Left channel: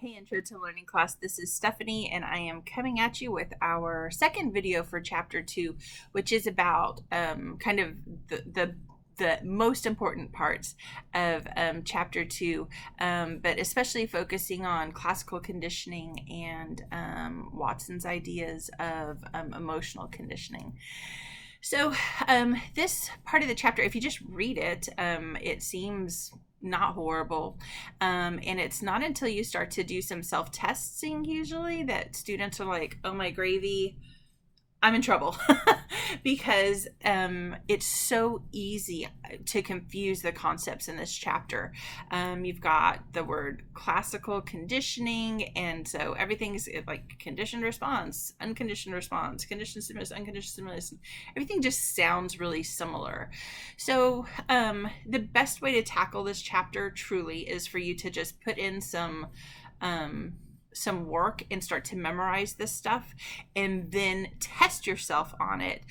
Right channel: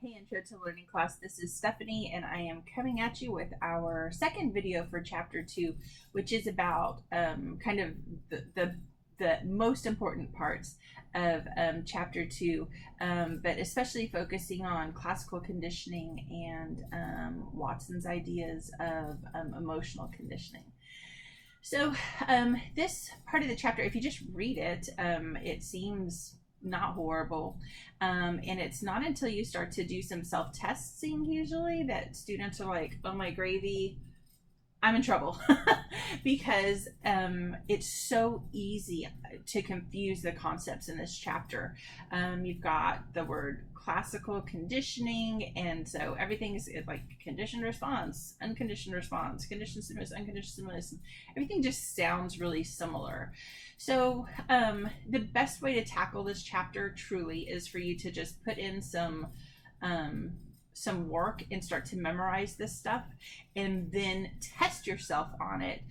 Hey Intro to Learning class, this is Stephanie and I am coming at you with our second video for chapter 2, which is about kind of the most important parts of chapter 2, but especially focusing on classical conditioning and Watson's ideas of emotional conditioning. So this part of the chapter, if you just read it, it seems not horrible. And it's not until you start to do some self-testing usually that students are like, oh my gravy, I'm in trouble. Because it's so easy to confuse the concepts in this chapter. You've got the word classical conditioning, and so everything's like conditioned response, conditioned stimulus, unconditioned stimulus. Everything just sounds really similar. So the best way to tackle this chapter truly is for you to just put in some work and start to memorize this stuff, and then test yourself on it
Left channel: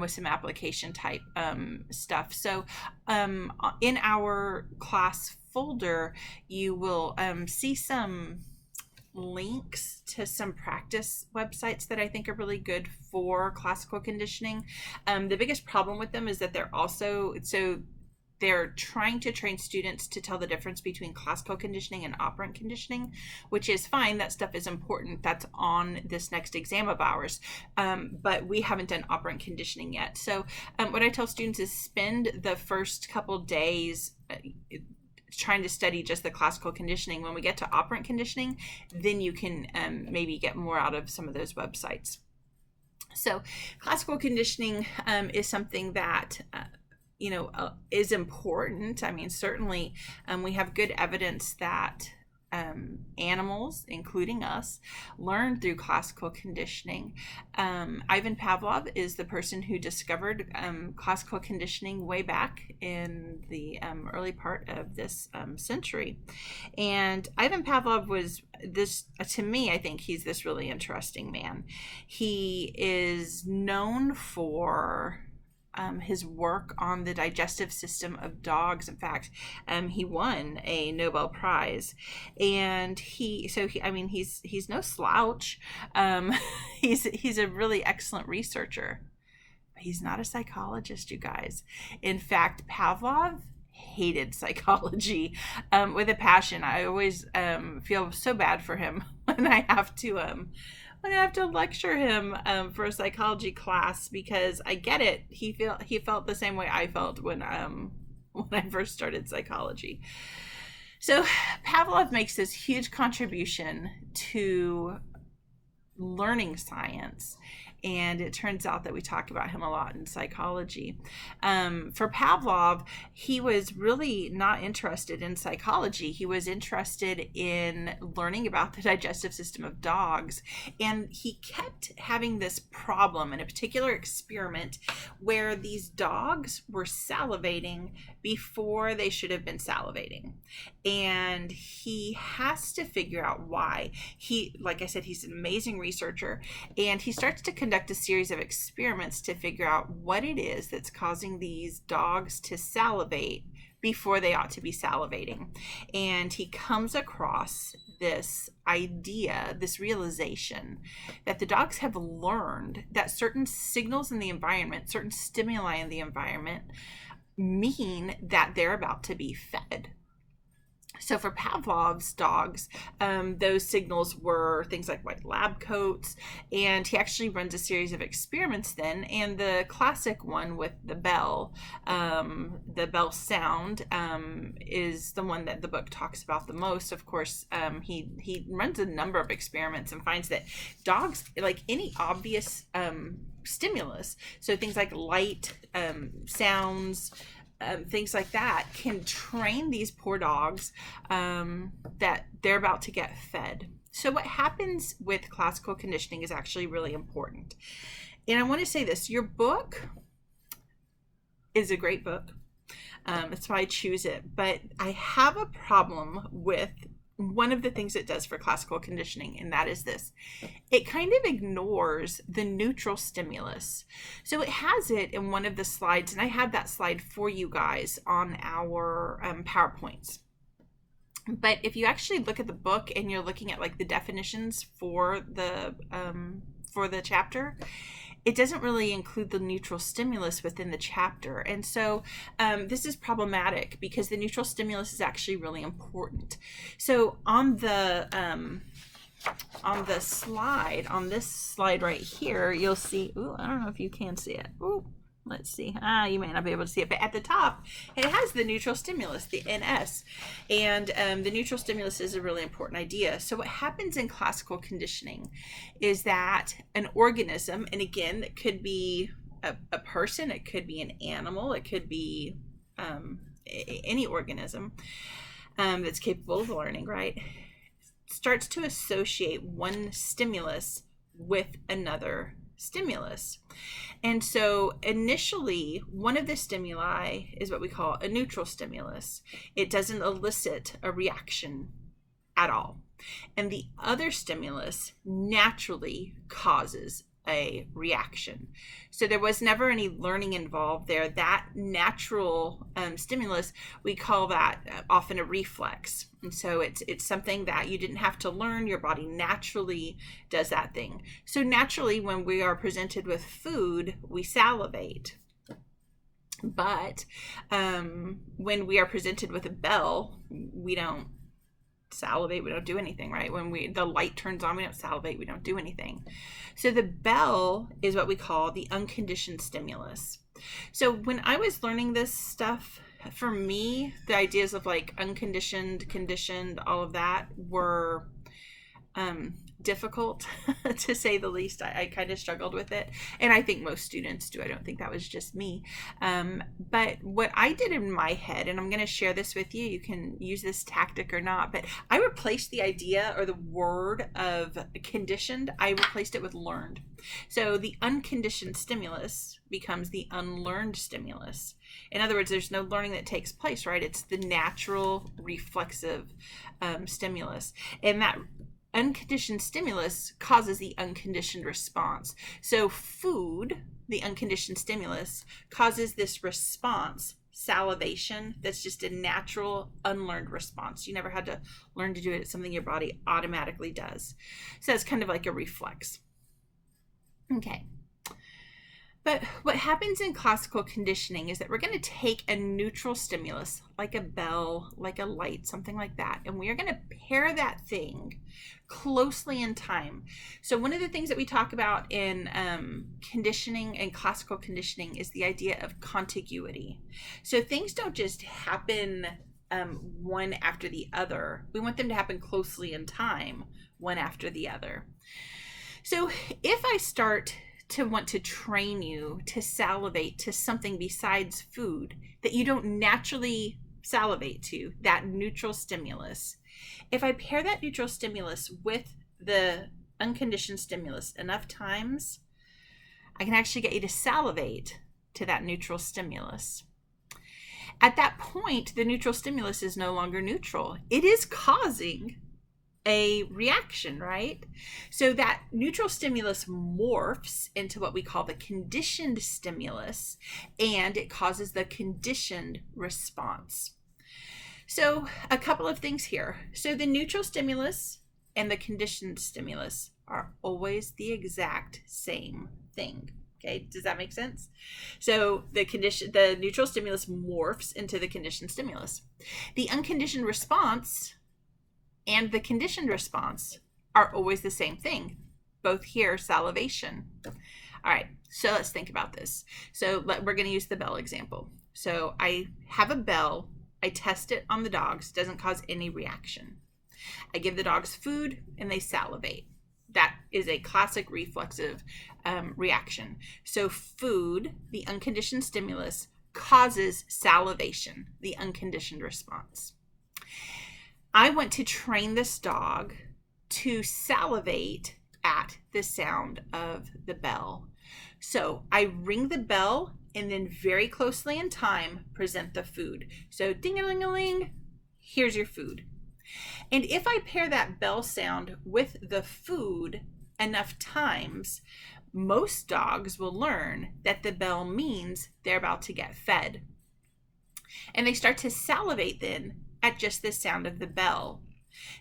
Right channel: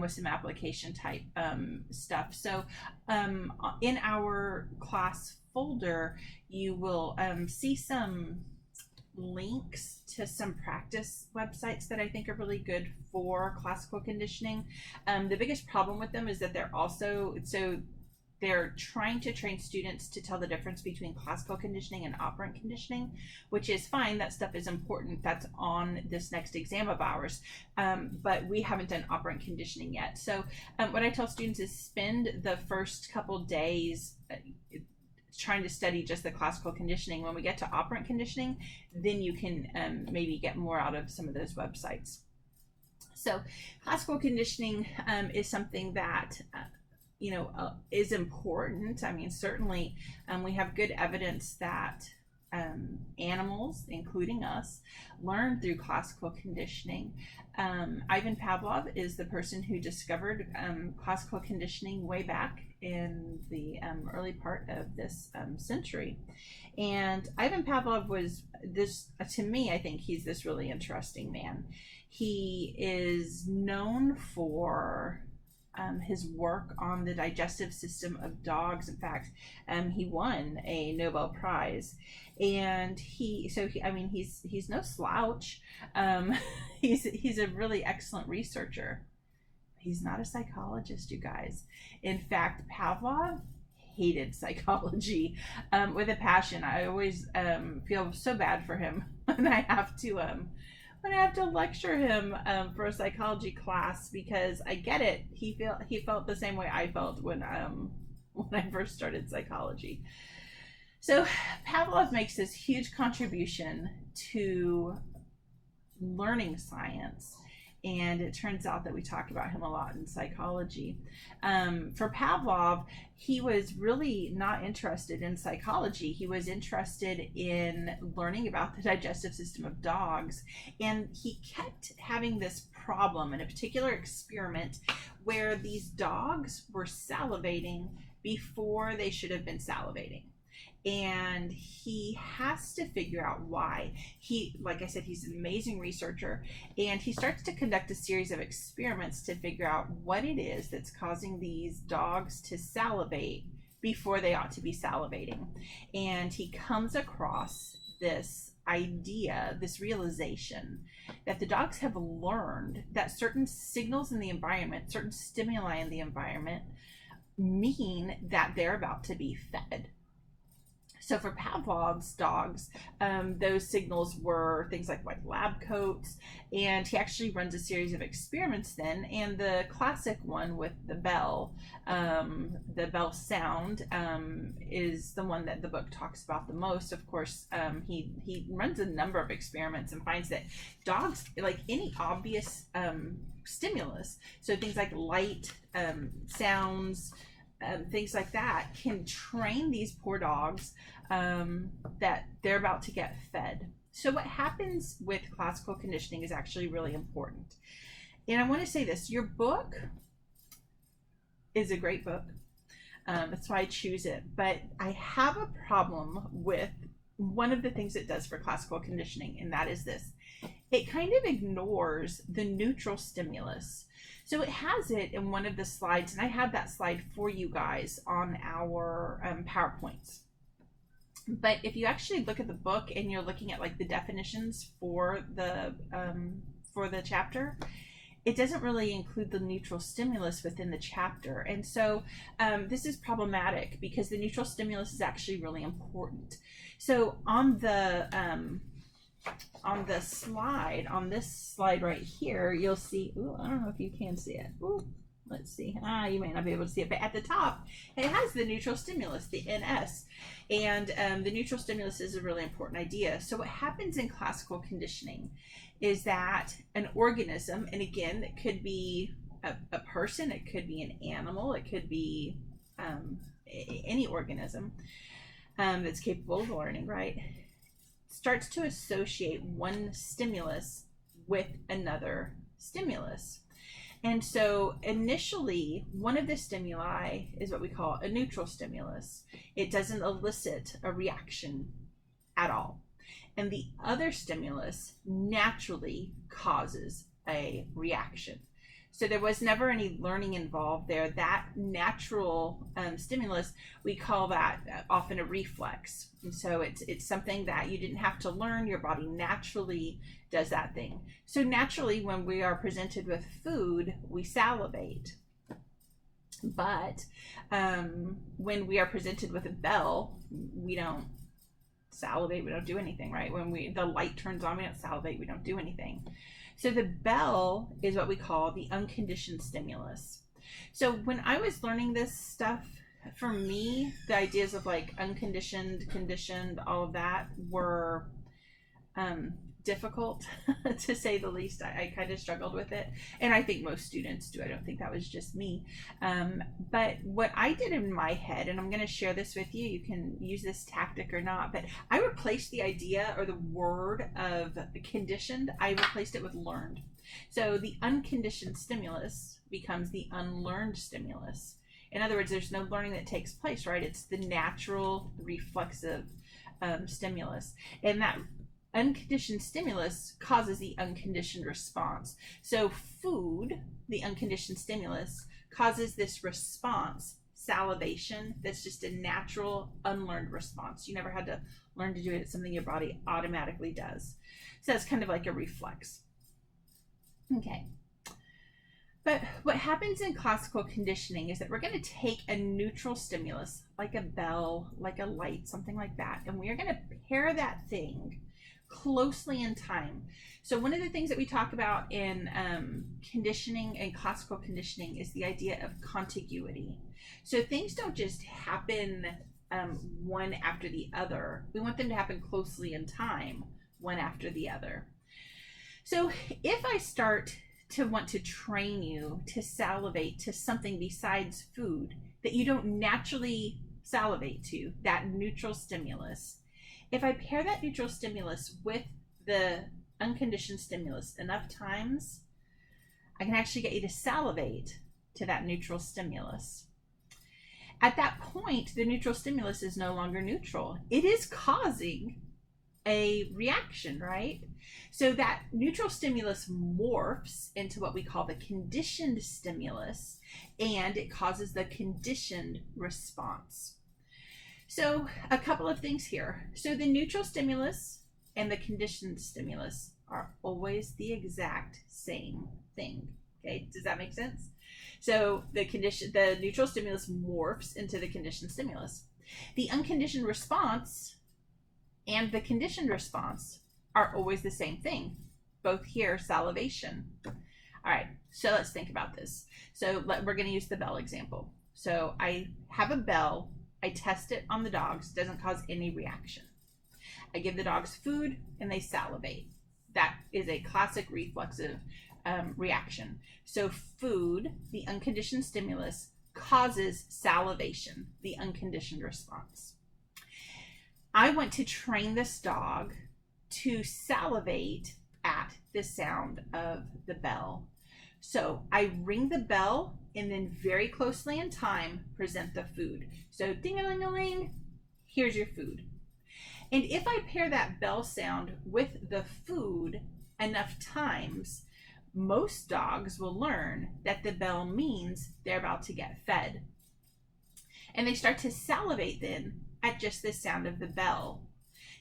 with some application type stuff. So in our class folder, you will see some links to some practice websites that I think are really good for classical conditioning. The biggest problem with them is that they're trying to train students to tell the difference between classical conditioning and operant conditioning, which is fine. That stuff is important. That's on this next exam of ours. But we haven't done operant conditioning yet. So what I tell students is spend the first couple days trying to study just the classical conditioning. When we get to operant conditioning, then you can maybe get more out of some of those websites. So classical conditioning is something that is important. I mean, certainly we have good evidence that animals, including us, learn through classical conditioning. Ivan Pavlov is the person who discovered classical conditioning way back in the early part of this century. And Ivan Pavlov was this, to me, I think he's this really interesting man. He is known for his work on the digestive system of dogs. In fact, he won a Nobel Prize, and he's no slouch. He's a really excellent researcher. He's not a psychologist, you guys. In fact, Pavlov hated psychology with a passion. I always feel so bad for him when I have to lecture him for a psychology class, because I get it. He felt the same way I felt when I first started psychology. So Pavlov makes this huge contribution to learning science, and it turns out that we talk about him a lot in psychology. For Pavlov, he was really not interested in psychology. He was interested in learning about the digestive system of dogs, and he kept having this problem in a particular experiment where these dogs were salivating before they should have been salivating. And he has to figure out why. Like I said, he's an amazing researcher, and he starts to conduct a series of experiments to figure out what it is that's causing these dogs to salivate before they ought to be salivating. And he comes across this idea, this realization that the dogs have learned that certain signals in the environment, certain stimuli in the environment, mean that they're about to be fed. So for Pavlov's dogs, those signals were things like white lab coats, and he actually runs a series of experiments then, and the classic one with the bell sound, is the one that the book talks about the most. Of course, he runs a number of experiments and finds that dogs, like any obvious stimulus, so things like light, sounds, things like that, can train these poor dogs that they're about to get fed. So what happens with classical conditioning is actually really important. And I want to say this, your book is a great book. That's why I choose it. But I have a problem with one of the things it does for classical conditioning, and that is this. It kind of ignores the neutral stimulus. So it has it in one of the slides, and I have that slide for you guys on our PowerPoints. But if you actually look at the book and you're looking at like the definitions for the chapter, it doesn't really include the neutral stimulus within the chapter. And so this is problematic because the neutral stimulus is actually really important. So on this slide right here, you'll see, ooh, I don't know if you can see it. Ooh, let's see. You may not be able to see it, but at the top, it has the neutral stimulus, the NS. And the neutral stimulus is a really important idea. So what happens in classical conditioning is that an organism, and again, it could be a person, it could be an animal, it could be any organism that's capable of learning, right, starts to associate one stimulus with another stimulus. And so initially, one of the stimuli is what we call a neutral stimulus. It doesn't elicit a reaction at all. And the other stimulus naturally causes a reaction. So there was never any learning involved there. That natural stimulus, we call that often a reflex. And so it's something that you didn't have to learn. Your body naturally does that thing. So naturally, when we are presented with food, we salivate. But when we are presented with a bell, we don't salivate, we don't do anything, right? When the light turns on, we don't salivate, we don't do anything. So the bell is what we call the unconditioned stimulus. So when I was learning this stuff, for me, the ideas of like unconditioned, conditioned, all of that were difficult to say the least. I kind of struggled with it, and I think most students do. I don't think that was just me. But what I did in my head, and I'm going to share this with you, you can use this tactic or not, but I replaced the idea or the word of conditioned, I replaced it with learned. So the unconditioned stimulus becomes the unlearned stimulus. In other words, there's no learning that takes place, right? It's the natural reflexive stimulus. And that unconditioned stimulus causes the unconditioned response. So food, the unconditioned stimulus, causes this response, salivation, that's just a natural unlearned response. You never had to learn to do it. It's something your body automatically does. So it's kind of like a reflex. Okay. But what happens in classical conditioning is that we're going to take a neutral stimulus, like a bell, like a light, something like that, and we are going to pair that thing closely in time. So one of the things that we talk about in conditioning and classical conditioning is the idea of contiguity. So things don't just happen one after the other. We want them to happen closely in time, one after the other. So if I start to want to train you to salivate to something besides food that you don't naturally salivate to, that neutral stimulus, if I pair that neutral stimulus with the unconditioned stimulus enough times, I can actually get you to salivate to that neutral stimulus. At that point, the neutral stimulus is no longer neutral. It is causing a reaction, right? So that neutral stimulus morphs into what we call the conditioned stimulus, and it causes the conditioned response. So a couple of things here. So the neutral stimulus and the conditioned stimulus are always the exact same thing. Okay, does that make sense? So the neutral stimulus morphs into the conditioned stimulus. The unconditioned response and the conditioned response are always the same thing. Both here, salivation. All right, so let's think about this. So we're going to use the bell example. So I have a bell. I test it on the dogs. It doesn't cause any reaction. I give the dogs food and they salivate. That is a classic reflexive reaction. So food, the unconditioned stimulus, causes salivation, the unconditioned response. I want to train this dog to salivate at the sound of the bell. So I ring the bell and then very closely in time present the food. So ding-a-ling-a-ling, here's your food. And if I pair that bell sound with the food enough times, most dogs will learn that the bell means they're about to get fed. And they start to salivate then at just the sound of the bell.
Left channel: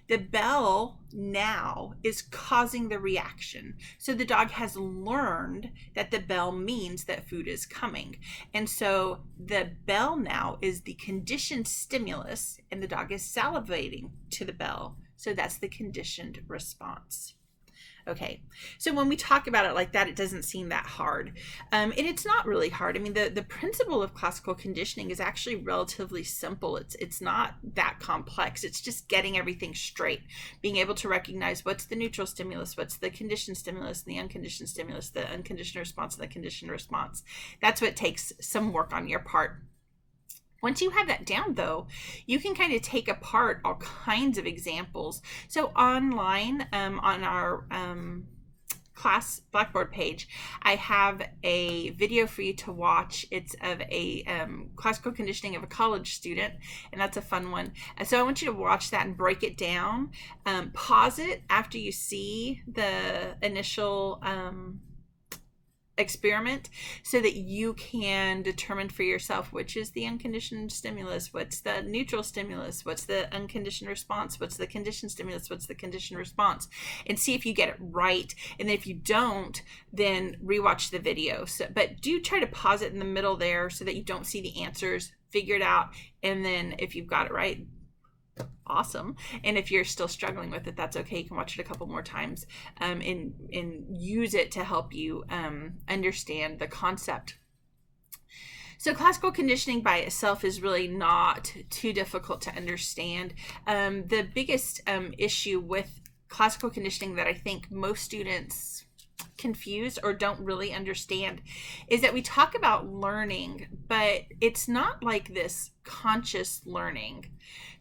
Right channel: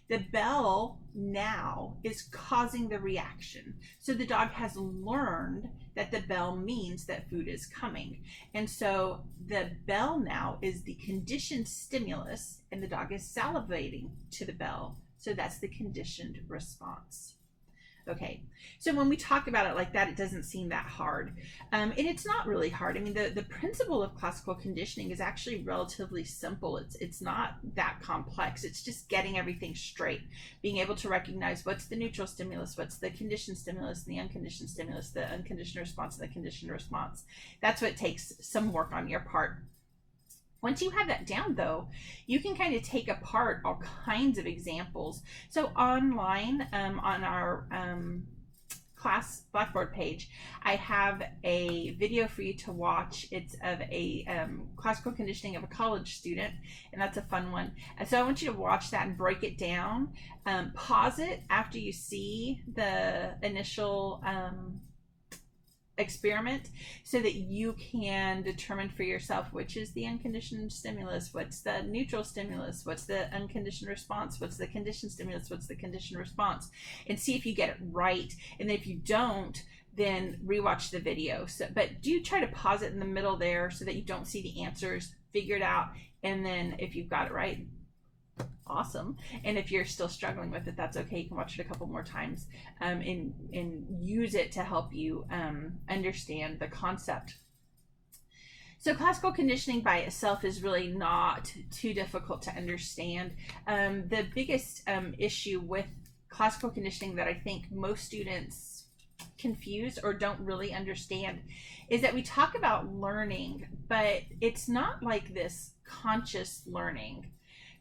The bell now is causing the reaction. So the dog has learned that the bell means that food is coming. And so the bell now is the conditioned stimulus, and the dog is salivating to the bell. So that's the conditioned response. Okay, so when we talk about it like that, it doesn't seem that hard. And it's not really hard. I mean, the principle of classical conditioning is actually relatively simple. It's not that complex. It's just getting everything straight, being able to recognize what's the neutral stimulus, what's the conditioned stimulus, the unconditioned stimulus, the unconditioned response, and the conditioned response. That's what takes some work on your part. Once you have that down, though, you can kind of take apart all kinds of examples. So online, on our class Blackboard page, I have a video for you to watch. It's of a classical conditioning of a college student, and that's a fun one. So I want you to watch that and break it down. Pause it after you see the initial experiment, so that you can determine for yourself which is the unconditioned stimulus, what's the neutral stimulus, what's the unconditioned response, what's the conditioned stimulus, what's the conditioned response, and see if you get it right. And then if you don't, then rewatch the video. But do try to pause it in the middle there so that you don't see the answers. Figure it out, and then if you've got it right, awesome. And if you're still struggling with it, that's okay. You can watch it a couple more times and use it to help you understand the concept. So classical conditioning by itself is really not too difficult to understand. The biggest issue with classical conditioning that I think most students confuse or don't really understand is that we talk about learning, but it's not like this conscious learning.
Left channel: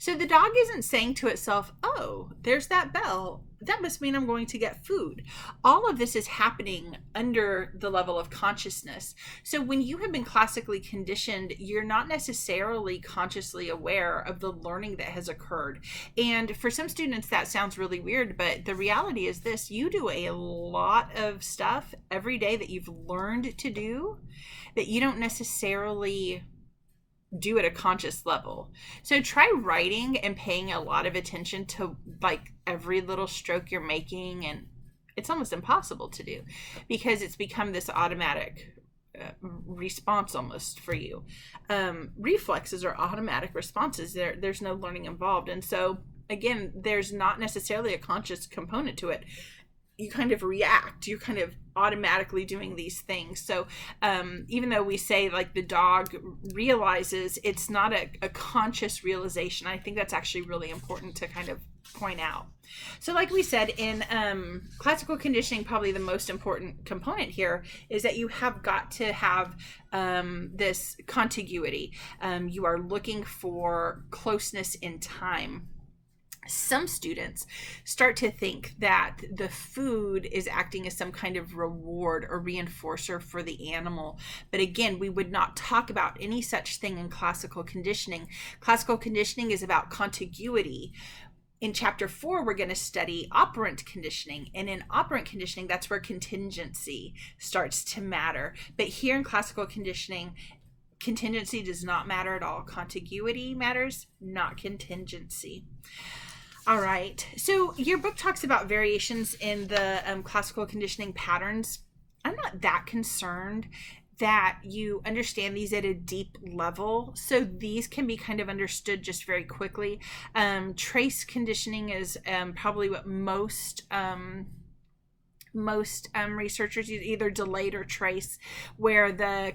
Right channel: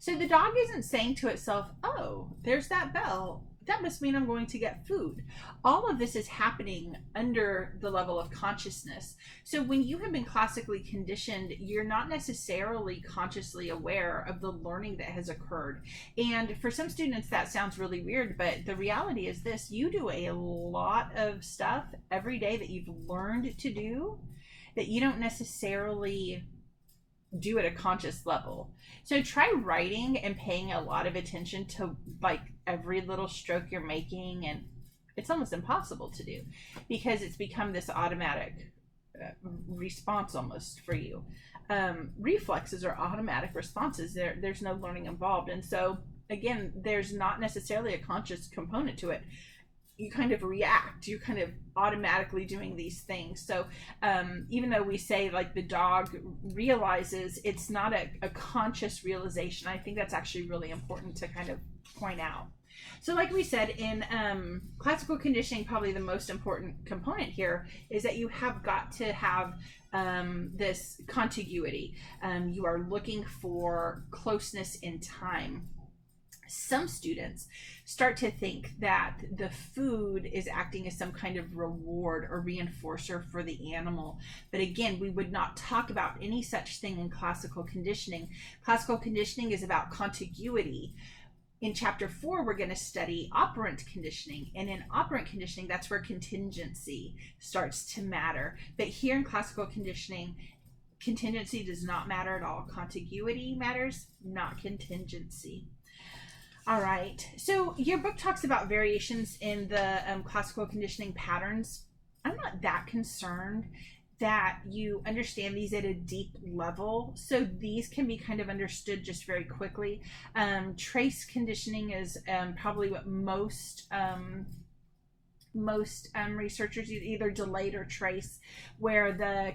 So the dog isn't saying to itself, oh, there's that bell. That must mean I'm going to get food. All of this is happening under the level of consciousness. So when you have been classically conditioned, you're not necessarily consciously aware of the learning that has occurred. And for some students, that sounds really weird, but the reality is this: you do a lot of stuff every day that you've learned to do that you don't necessarily do at a conscious level. So try writing and paying a lot of attention to like every little stroke you're making, and it's almost impossible to do because it's become this automatic response almost for you. Reflexes are automatic responses. There's no learning involved, and so again, there's not necessarily a conscious component to it. You kind of react, you're kind of automatically doing these things. So even though we say like the dog realizes, it's not a conscious realization. I think that's actually really important to kind of point out. So like we said, in classical conditioning, probably the most important component here is that you have got to have this contiguity. You are looking for closeness in time. Some students start to think that the food is acting as some kind of reward or reinforcer for the animal. But again, we would not talk about any such thing in classical conditioning. Classical conditioning is about contiguity. In chapter 4, we're going to study operant conditioning. And in operant conditioning, that's where contingency starts to matter. But here in classical conditioning, contingency does not matter at all. Contiguity matters, not contingency. All right, so your book talks about variations in the classical conditioning patterns. I'm not that concerned that you understand these at a deep level. So these can be kind of understood just very quickly. Trace conditioning is probably what most researchers use, either delayed or trace, where the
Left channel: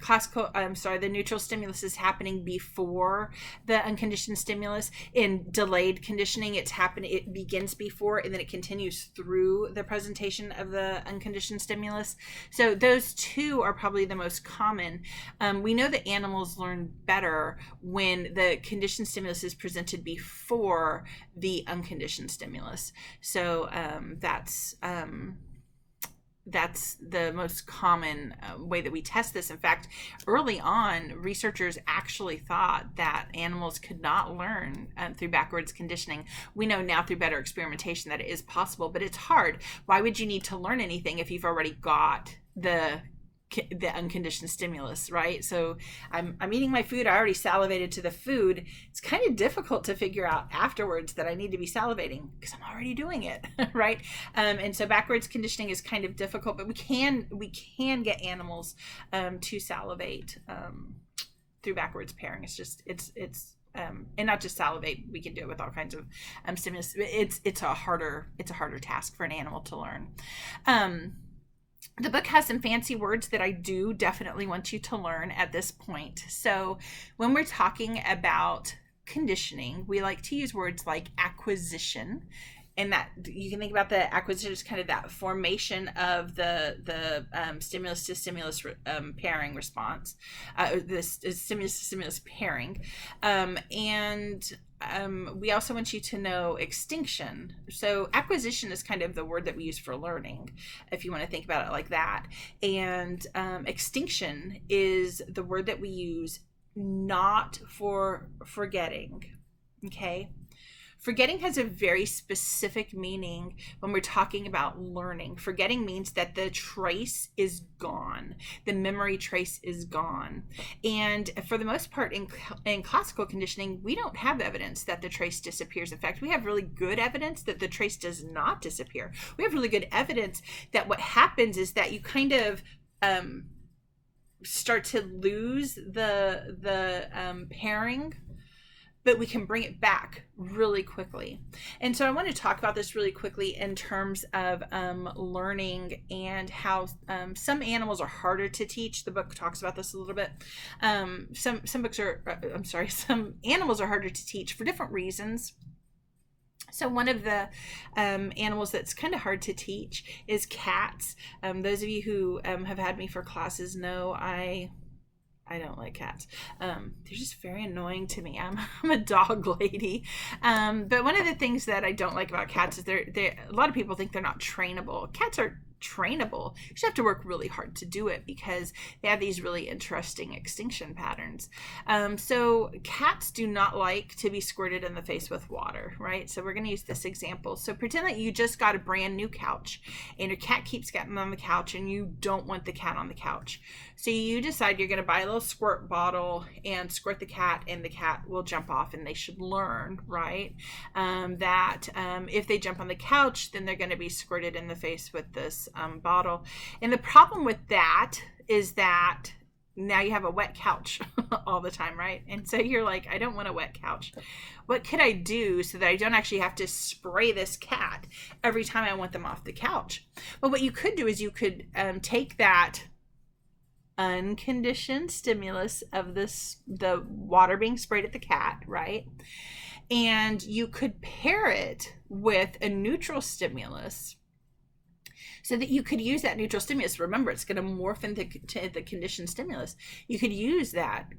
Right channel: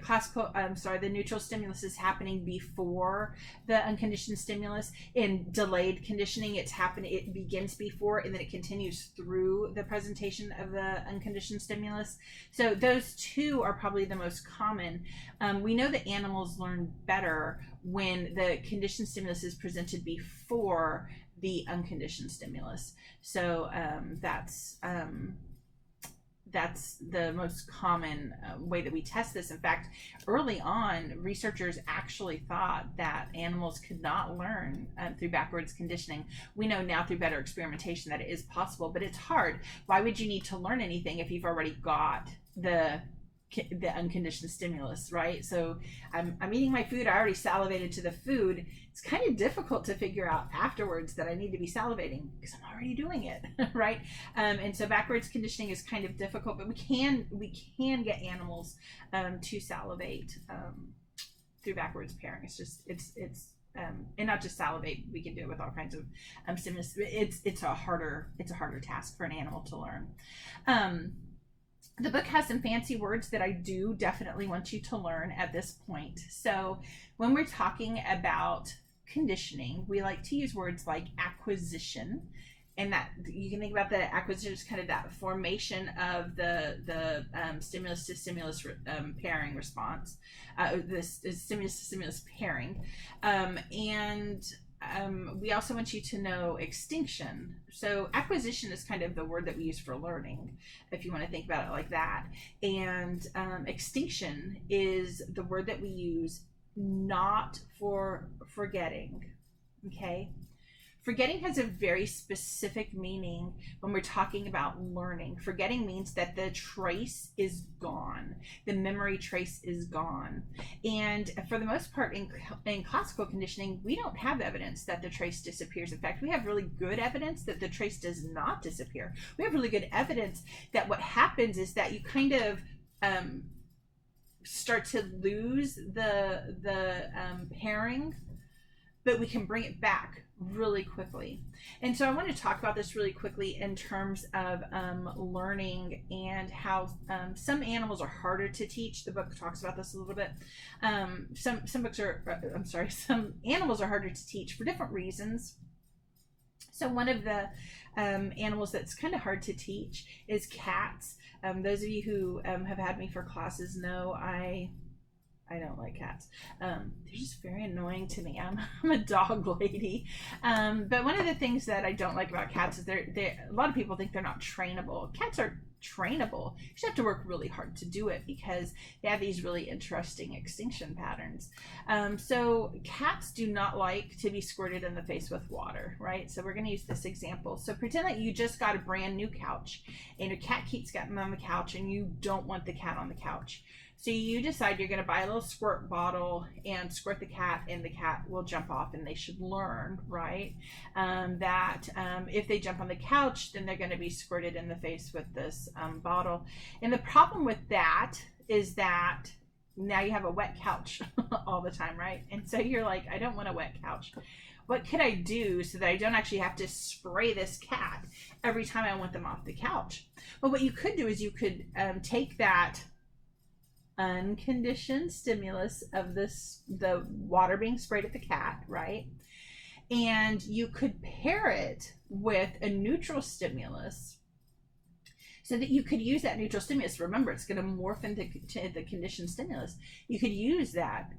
the neutral stimulus is happening before the unconditioned stimulus. In delayed conditioning, it begins before and then it continues through the presentation of the unconditioned stimulus. So those two are probably the most common. We know that animals learn better when the conditioned stimulus is presented before the unconditioned stimulus. So that's the most common way that we test this. In fact, early on, researchers actually thought that animals could not learn through backwards conditioning. We know now through better experimentation that it is possible, but it's hard. Why would you need to learn anything if you've already got the the unconditioned stimulus, right? So I'm eating my food. I already salivated to the food. It's kind of difficult to figure out afterwards that I need to be salivating because I'm already doing it, right? And so backwards conditioning is kind of difficult, but we can get animals to salivate through backwards pairing. It's just and not just salivate. We can do it with all kinds of stimulus. It's a harder task for an animal to learn. The book has some fancy words that I do definitely want you to learn at this point. So when we're talking about conditioning, we like to use words like acquisition, and that you can think about the acquisition as kind of that formation of the stimulus to stimulus pairing response, this stimulus to stimulus pairing, and we also want you to know extinction. So acquisition is kind of the word that we use for learning, if you want to think about it like that. And extinction is the word that we use not for forgetting, okay? Forgetting has a very specific meaning when we're talking about learning. Forgetting means that the trace is gone. The memory trace is gone. And for the most part in classical conditioning, we don't have evidence that the trace disappears. In fact, we have really good evidence that the trace does not disappear. We have really good evidence that what happens is that you kind of start to lose the pairing, but we can bring it back really quickly. And so I want to talk about this really quickly in terms of learning and how some animals are harder to teach. The book talks about this a little bit. Some animals are harder to teach for different reasons. So one of the animals that's kind of hard to teach is cats. Those of you who have had me for classes know I don't like cats. They're just very annoying to me. I'm a dog lady. But one of the things that I don't like about cats is a lot of people think they're not trainable. Cats are trainable. You just have to work really hard to do it because they have these really interesting extinction patterns. So cats do not like to be squirted in the face with water, right? So we're going to use this example. So pretend that you just got a brand new couch and your cat keeps getting on the couch and you don't want the cat on the couch. So you decide you're going to buy a little squirt bottle and squirt the cat, and the cat will jump off, and they should learn, right? That if they jump on the couch, then they're going to be squirted in the face with this bottle. And the problem with that is that now you have a wet couch all the time, right? And so you're like, I don't want a wet couch. What could I do so that I don't actually have to spray this cat every time I want them off the couch? Well, what you could do is you could take that unconditioned stimulus of the water being sprayed at the cat, right? And you could pair it with a neutral stimulus so that you could use that neutral stimulus. Remember, it's going to morph into the conditioned stimulus. You could use that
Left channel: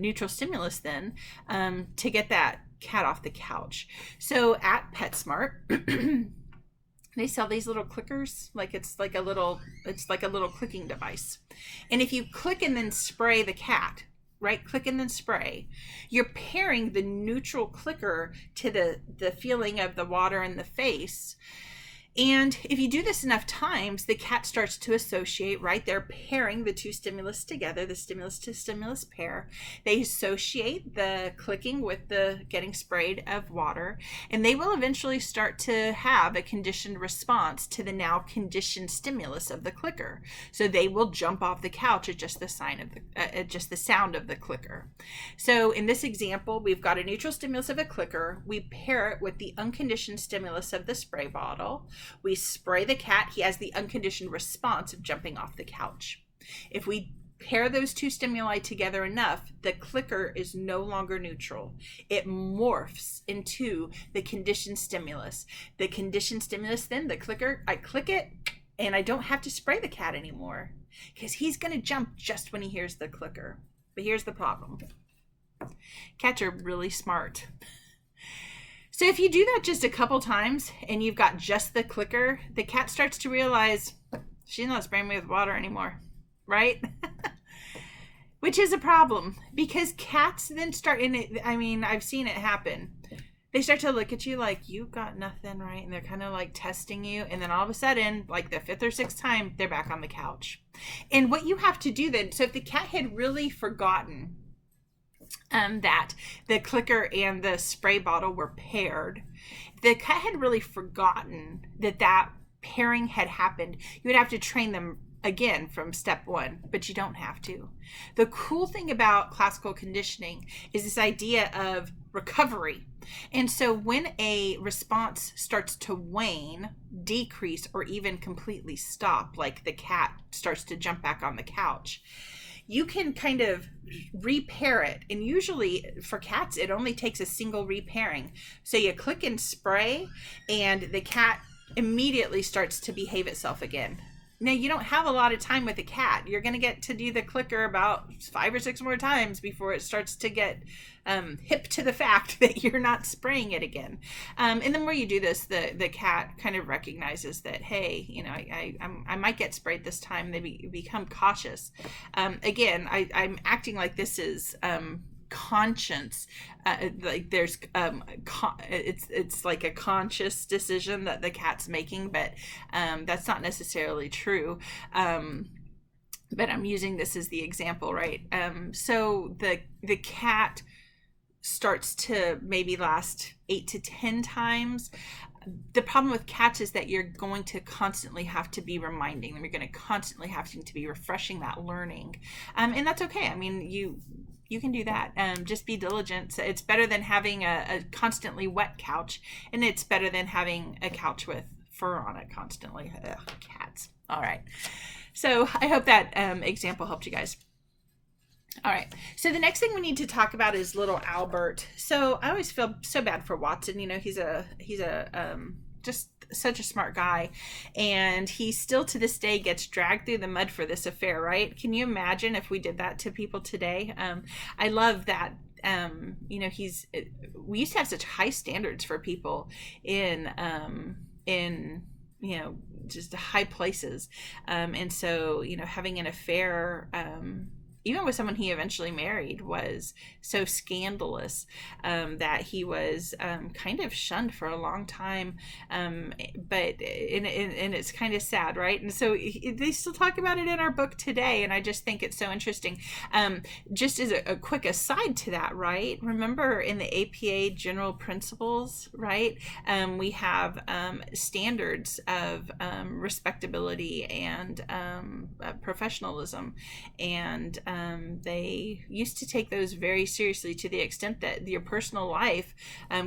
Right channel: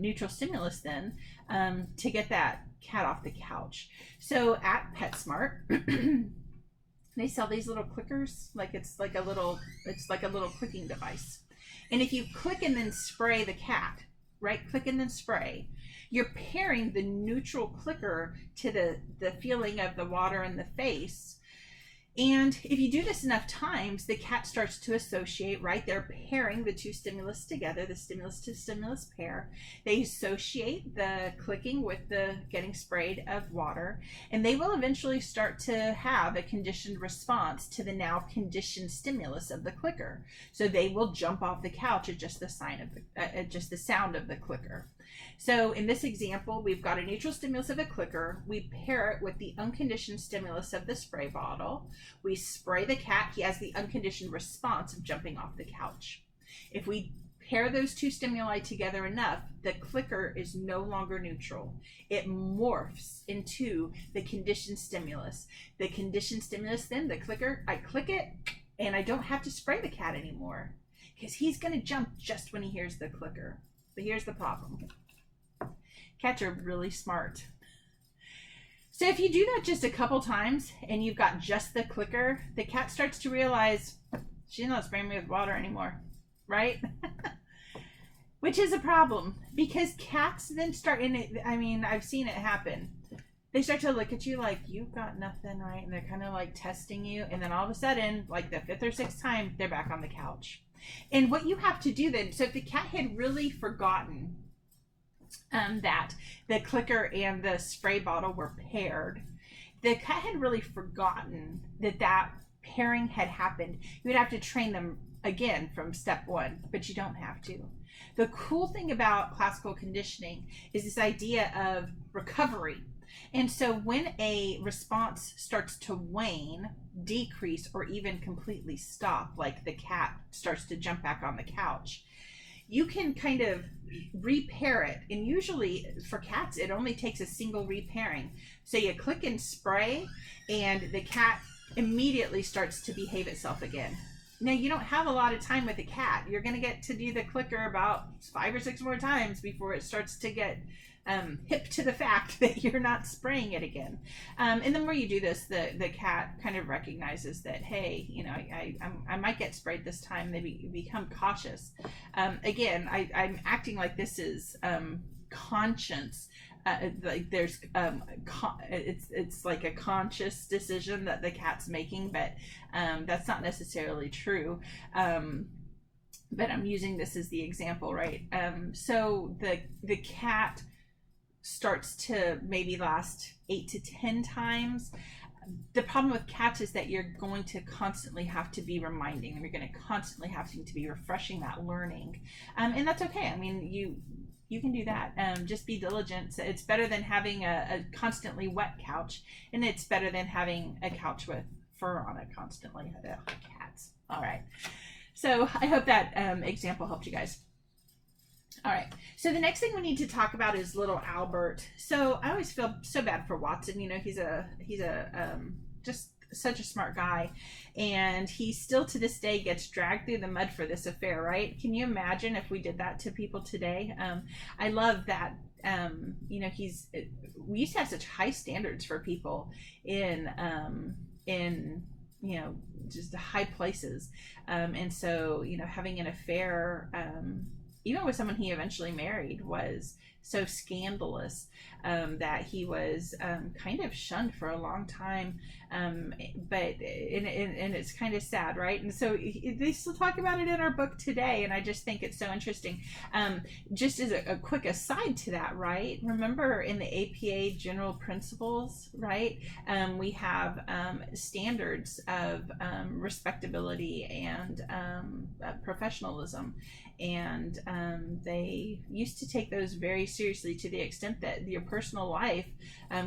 neutral stimulus then to get that cat off the couch. So at PetSmart, they sell these little clickers, it's like a little clicking device. And if you click and then spray the cat, right? Click and then spray, you're pairing the neutral clicker to the feeling of the water in the face. And if you do this enough times, the cat starts to associate, right? They're pairing the two stimulus together, the stimulus to stimulus pair. They associate the clicking with the getting sprayed of water, and they will eventually start to have a conditioned response to the now conditioned stimulus of the clicker. So they will jump off the couch at just the sound of the clicker. So in this example, we've got a neutral stimulus of a clicker. We pair it with the unconditioned stimulus of the spray bottle. We spray the cat. He has the unconditioned response of jumping off the couch. If we pair those two stimuli together enough, the clicker is no longer neutral. It morphs into the conditioned stimulus. The conditioned stimulus, then the clicker, I click it and I don't have to spray the cat anymore because he's going to jump just when he hears the clicker. But here's the problem. Cats are really smart. So if you do that just a couple times and you've got just the clicker, the cat starts to realize she's not spraying me with water anymore, right? Which is a problem because cats then start in it. I mean, I've seen it happen. They start to look at you like you've got nothing, right? And they're kind of like testing you. And then all of a sudden, like the fifth or sixth time, they're back on the couch. And what you have to do then, so if the cat had really forgotten that the clicker and the spray bottle were paired, the cat had really forgotten that pairing had happened, you would have to train them again from step one, but you don't have to. The cool thing about classical conditioning is this idea of recovery. And so when a response starts to wane, decrease, or even completely stop, like the cat starts to jump back on the couch, you can kind of repair it. And usually for cats, it only takes a single repairing. So you click and spray, and the cat immediately starts to behave itself again. Now, you don't have a lot of time with a cat. You're going to get to do the clicker about 5 or 6 more times before it starts to get hip to the fact that you're not spraying it again. And the more you do this, the cat kind of recognizes that, hey, you know, I might get sprayed this time. They become cautious. Again, I'm acting like this is conscience. Like there's it's like a conscious decision that the cat's making, but that's not necessarily true. But I'm using this as the example, right? So the cat starts to maybe last 8 to 10 times. The problem with cats is that you're going to constantly have to be reminding them. You're going to constantly have to be refreshing that learning, and that's okay. I mean, you can do that. Just be diligent. So it's better than having a constantly wet couch, and it's better than having a couch with fur on it constantly. Ugh, cats. All right. So I hope that example helped you guys. All right. So the next thing we need to talk about is little Albert. So I always feel so bad for Watson. You know, he's a just such a smart guy, and he still to this day gets dragged through the mud for this affair, right? Can you imagine if we did that to people today? I love that. You know, we used to have such high standards for people in you know, just high places, and so, you know, having an affair, even with someone he eventually married, was so scandalous that he was kind of shunned for a long time. But it's kind of sad, right? And so they still talk about it in our book today, and I just think it's so interesting. Just as a quick aside to that, right? Remember in the APA general principles, right? We have standards of respectability and professionalism, and they used to take those very seriously, to the extent that your personal life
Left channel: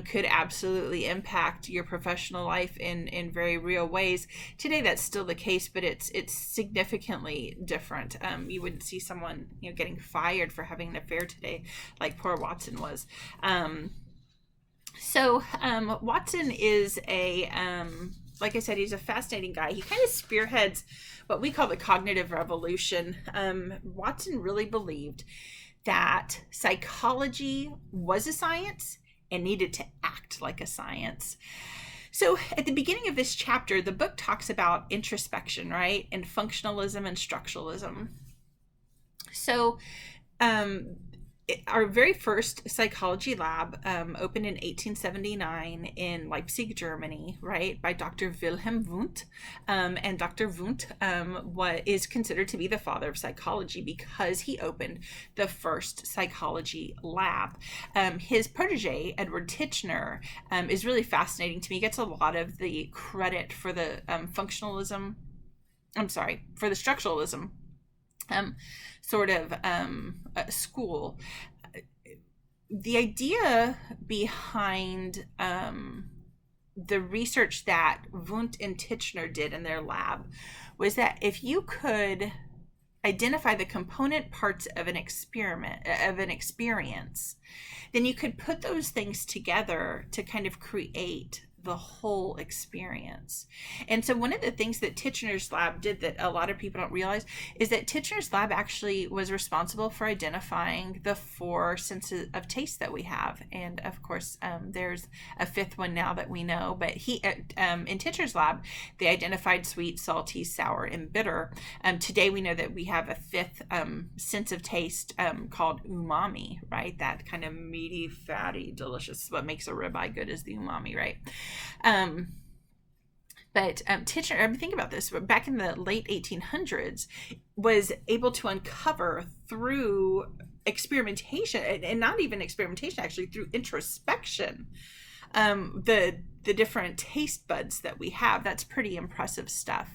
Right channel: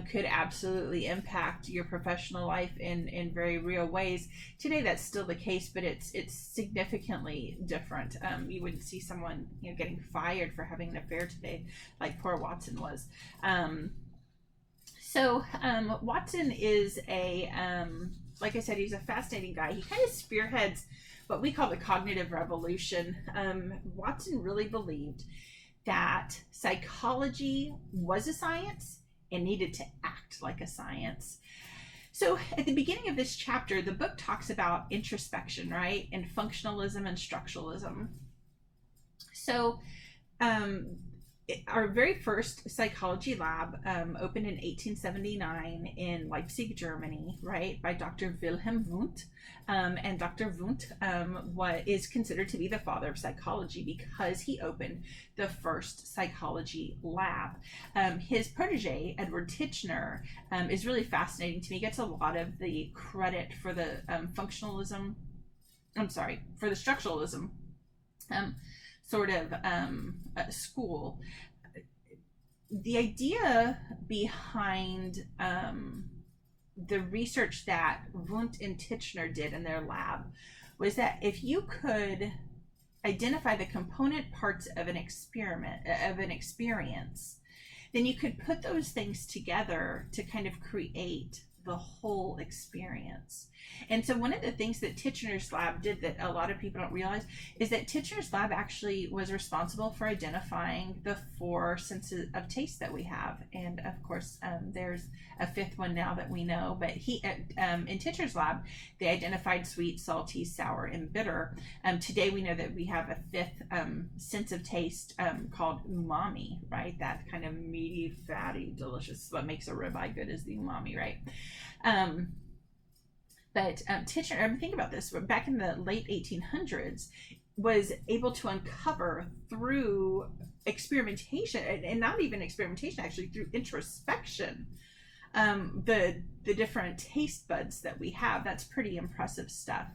could absolutely impact your professional life in very real ways. Today that's still the case, but it's significantly different. You wouldn't see someone, you know, getting fired for having an affair today like poor Watson was. So Watson is like I said, he's a fascinating guy. He kind of spearheads what we call the cognitive revolution. Watson really believed that psychology was a science and needed to act like a science. So at the beginning of this chapter, the book talks about introspection, right? And functionalism and structuralism. So our very first psychology lab opened in 1879 in Leipzig, Germany, right, by Dr. Wilhelm Wundt. And Dr. Wundt is considered to be the father of psychology because he opened the first psychology lab. His protege, Edward Titchener, is really fascinating to me. He gets a lot of the credit for the for the structuralism sort of school. The idea behind the research that Wundt and Titchener did in their lab was that if you could identify the component parts of an experience, then you could put those things together to kind of create the whole experience. And so one of the things that Titchener's lab did that a lot of people don't realize is that Titchener's lab actually was responsible for identifying the 4 senses of taste that we have. And of course, there's a 5th one now that we know, but in Titchener's lab, they identified sweet, salty, sour, and bitter. Today we know that we have a 5th sense of taste called umami, right? That kind of meaty, fatty, delicious, what makes a ribeye good is the umami, right? But Titchener, think about this, back in the late 1800s, was able to uncover through experimentation, and not even experimentation, actually through introspection, the different taste buds that we have. That's pretty impressive stuff.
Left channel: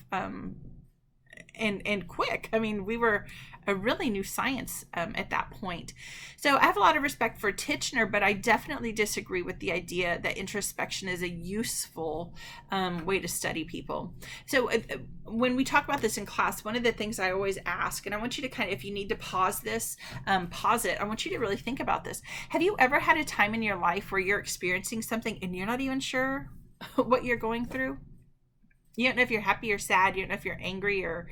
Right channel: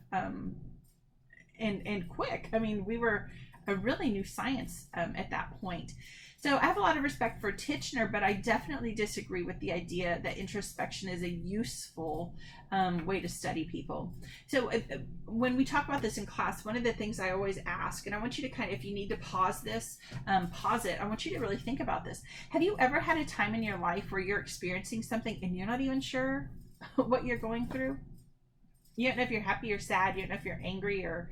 And quick. I mean, we were a really new science at that point. So I have a lot of respect for Titchener, but I definitely disagree with the idea that introspection is a useful way to study people. So when we talk about this in class, one of the things I always ask, and I want you to kind of, if you need to pause this, pause it. I want you to really think about this. Have you ever had a time in your life where you're experiencing something and you're not even sure what you're going through? You don't know if you're happy or sad. You don't know if you're angry or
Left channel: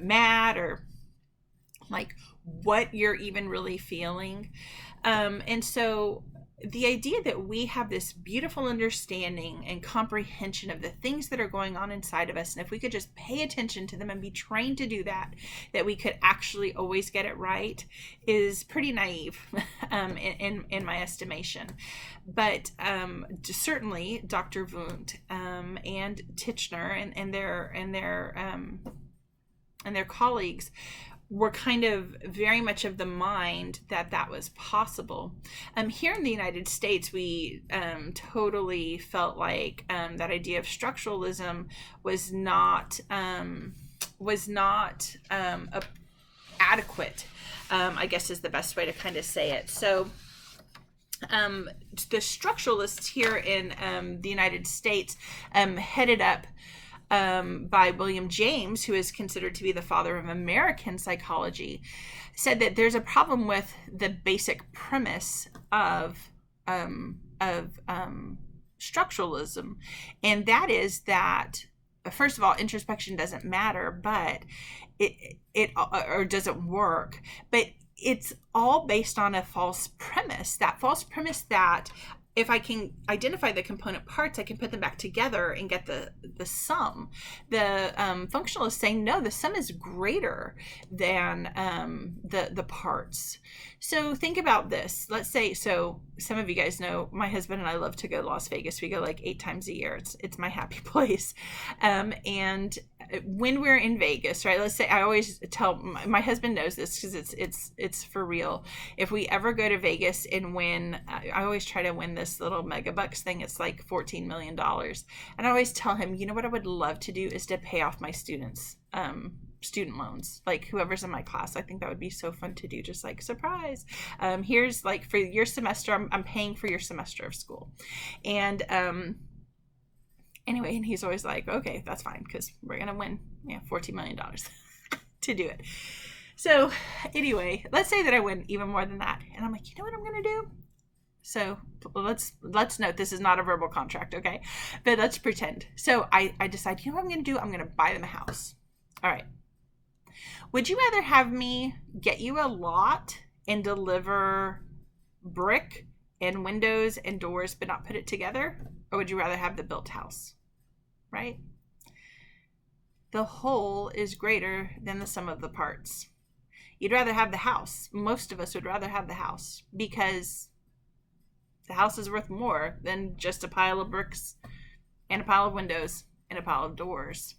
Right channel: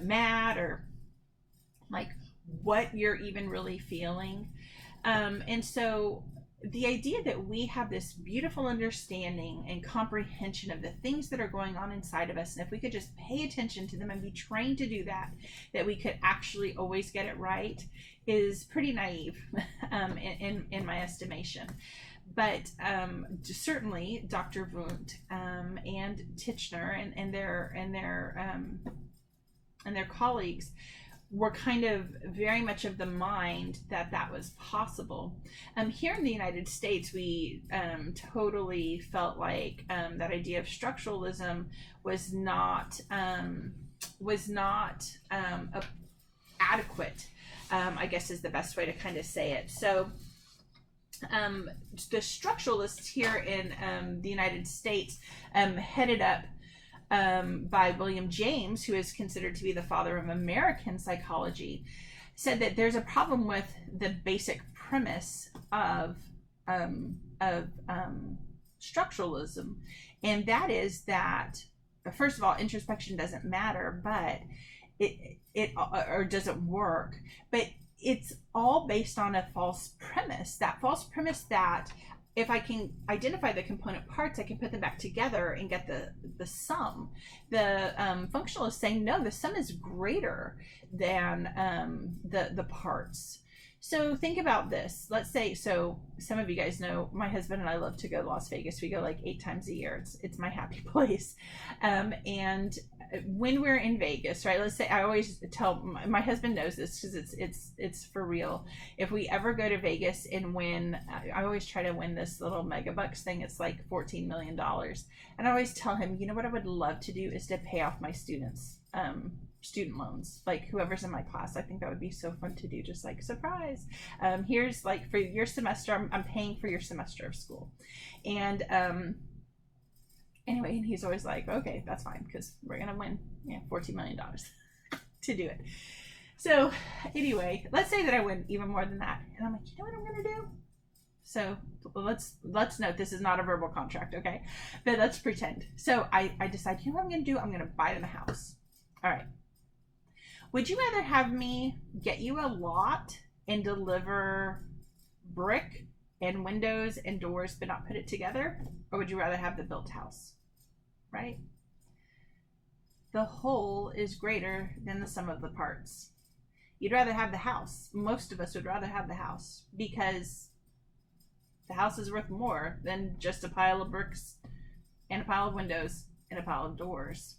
mad, or like what you're even really feeling. And so the idea that we have this beautiful understanding and comprehension of the things that are going on inside of us, and if we could just pay attention to them and be trained to do that, that we could actually always get it right, is pretty naive in my estimation. But certainly Dr. Wundt and Titchener and their colleagues were kind of very much of the mind that that was possible. Here in the United States, we totally felt like that idea of structuralism was not adequate, I guess is the best way to kind of say it. So the structuralists here in the United States, headed up by William James, who is considered to be the father of American psychology, said that there's a problem with the basic premise of structuralism, and that is that, first of all, introspection doesn't matter, but it doesn't work, but it's all based on a false premise. That false premise that if I can identify the component parts, I can put them back together and get the sum. The functionalists saying, no, the sum is greater than the parts. So think about this. Let's say, so some of you guys know my husband and I love to go to Las Vegas. We go like 8 times a year. It's my happy place. And when we're in Vegas, right? Let's say, I always tell my husband knows this because it's for real. If we ever go to Vegas and win, I always try to win this little mega bucks thing. It's like $14 million. And I always tell him, you know what I would love to do is to pay off my students' student loans, like whoever's in my class. I think that would be so fun to do, just like surprise. Here's like for your semester, I'm paying for your semester of school. And anyway, and he's always like, okay, that's fine, because we're gonna win $14 million to do it. So anyway, let's say that I win even more than that, and I'm like, you know what I'm gonna do? So let's note this is not a verbal contract, okay? But let's pretend. So I decide, you know what I'm gonna do? I'm gonna buy them a house. All right. Would you rather have me get you a lot and deliver brick and windows and doors but not put it together? Or would you rather have the built house? Right? The whole is greater than the sum of the parts. You'd rather have the house. Most of us would rather have the house because the house is worth more than just a pile of bricks and a pile of windows and a pile of doors.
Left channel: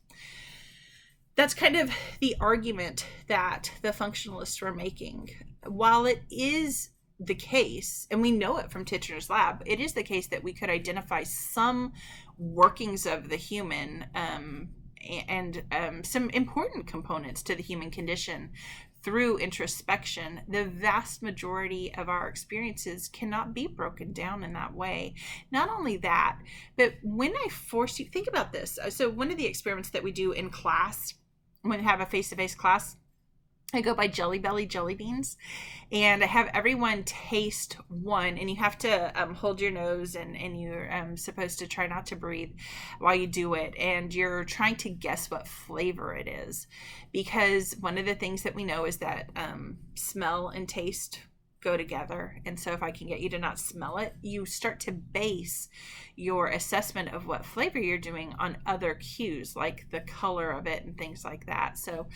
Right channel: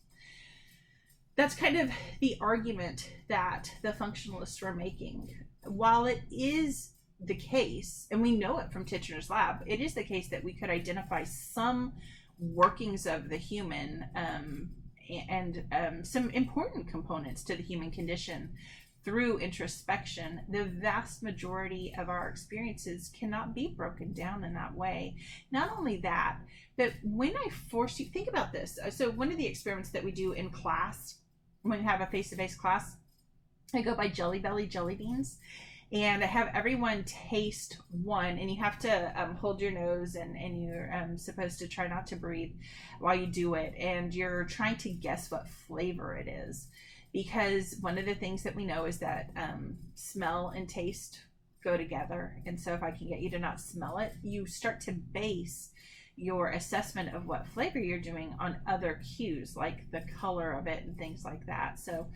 That's kind of the argument that the functionalists were making. While it is the case, and we know it from Titchener's lab, it is the case that we could identify some workings of the human and some important components to the human condition through introspection. The vast majority of our experiences cannot be broken down in that way. Not only that, but when I force you, think about this. So one of the experiments that we do in class, when we have a face-to-face class, I go by Jelly Belly jelly beans. And I have everyone taste one, and you have to hold your nose, and you're supposed to try not to breathe while you do it. And you're trying to guess what flavor it is, because one of the things that we know is that smell and taste go together. And so if I can get you to not smell it, you start to base your assessment of what flavor you're doing on other cues, like the color of it and things like that. So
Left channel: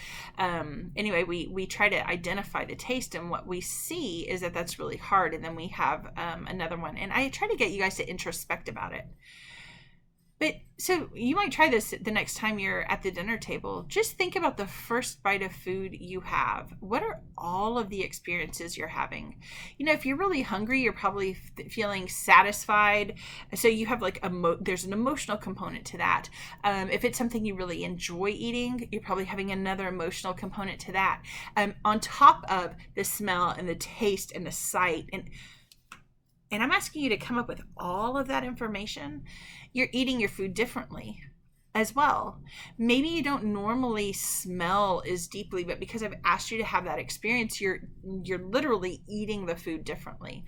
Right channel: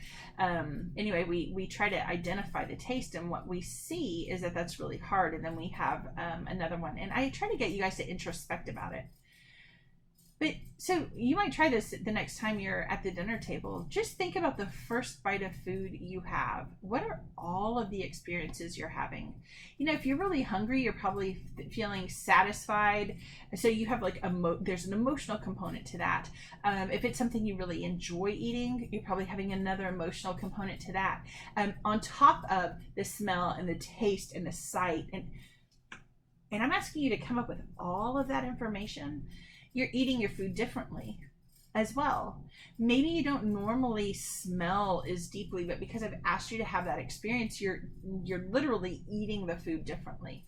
anyway, we try to identify the taste, and what we see is that that's really hard. And then we have another one, and I try to get you guys to introspect about it. But so you might try this the next time you're at the dinner table. Just think about the first bite of food you have. What are all of the experiences you're having? You know, if you're really hungry, you're probably feeling satisfied. So you have like there's an emotional component to that. If it's something you really enjoy eating, you're probably having another emotional component to that. On top of the smell and the taste and the sight. And I'm asking you to come up with all of that information. You're eating your food differently as well. Maybe you don't normally smell as deeply, but because I've asked you to have that experience, you're literally eating the food differently.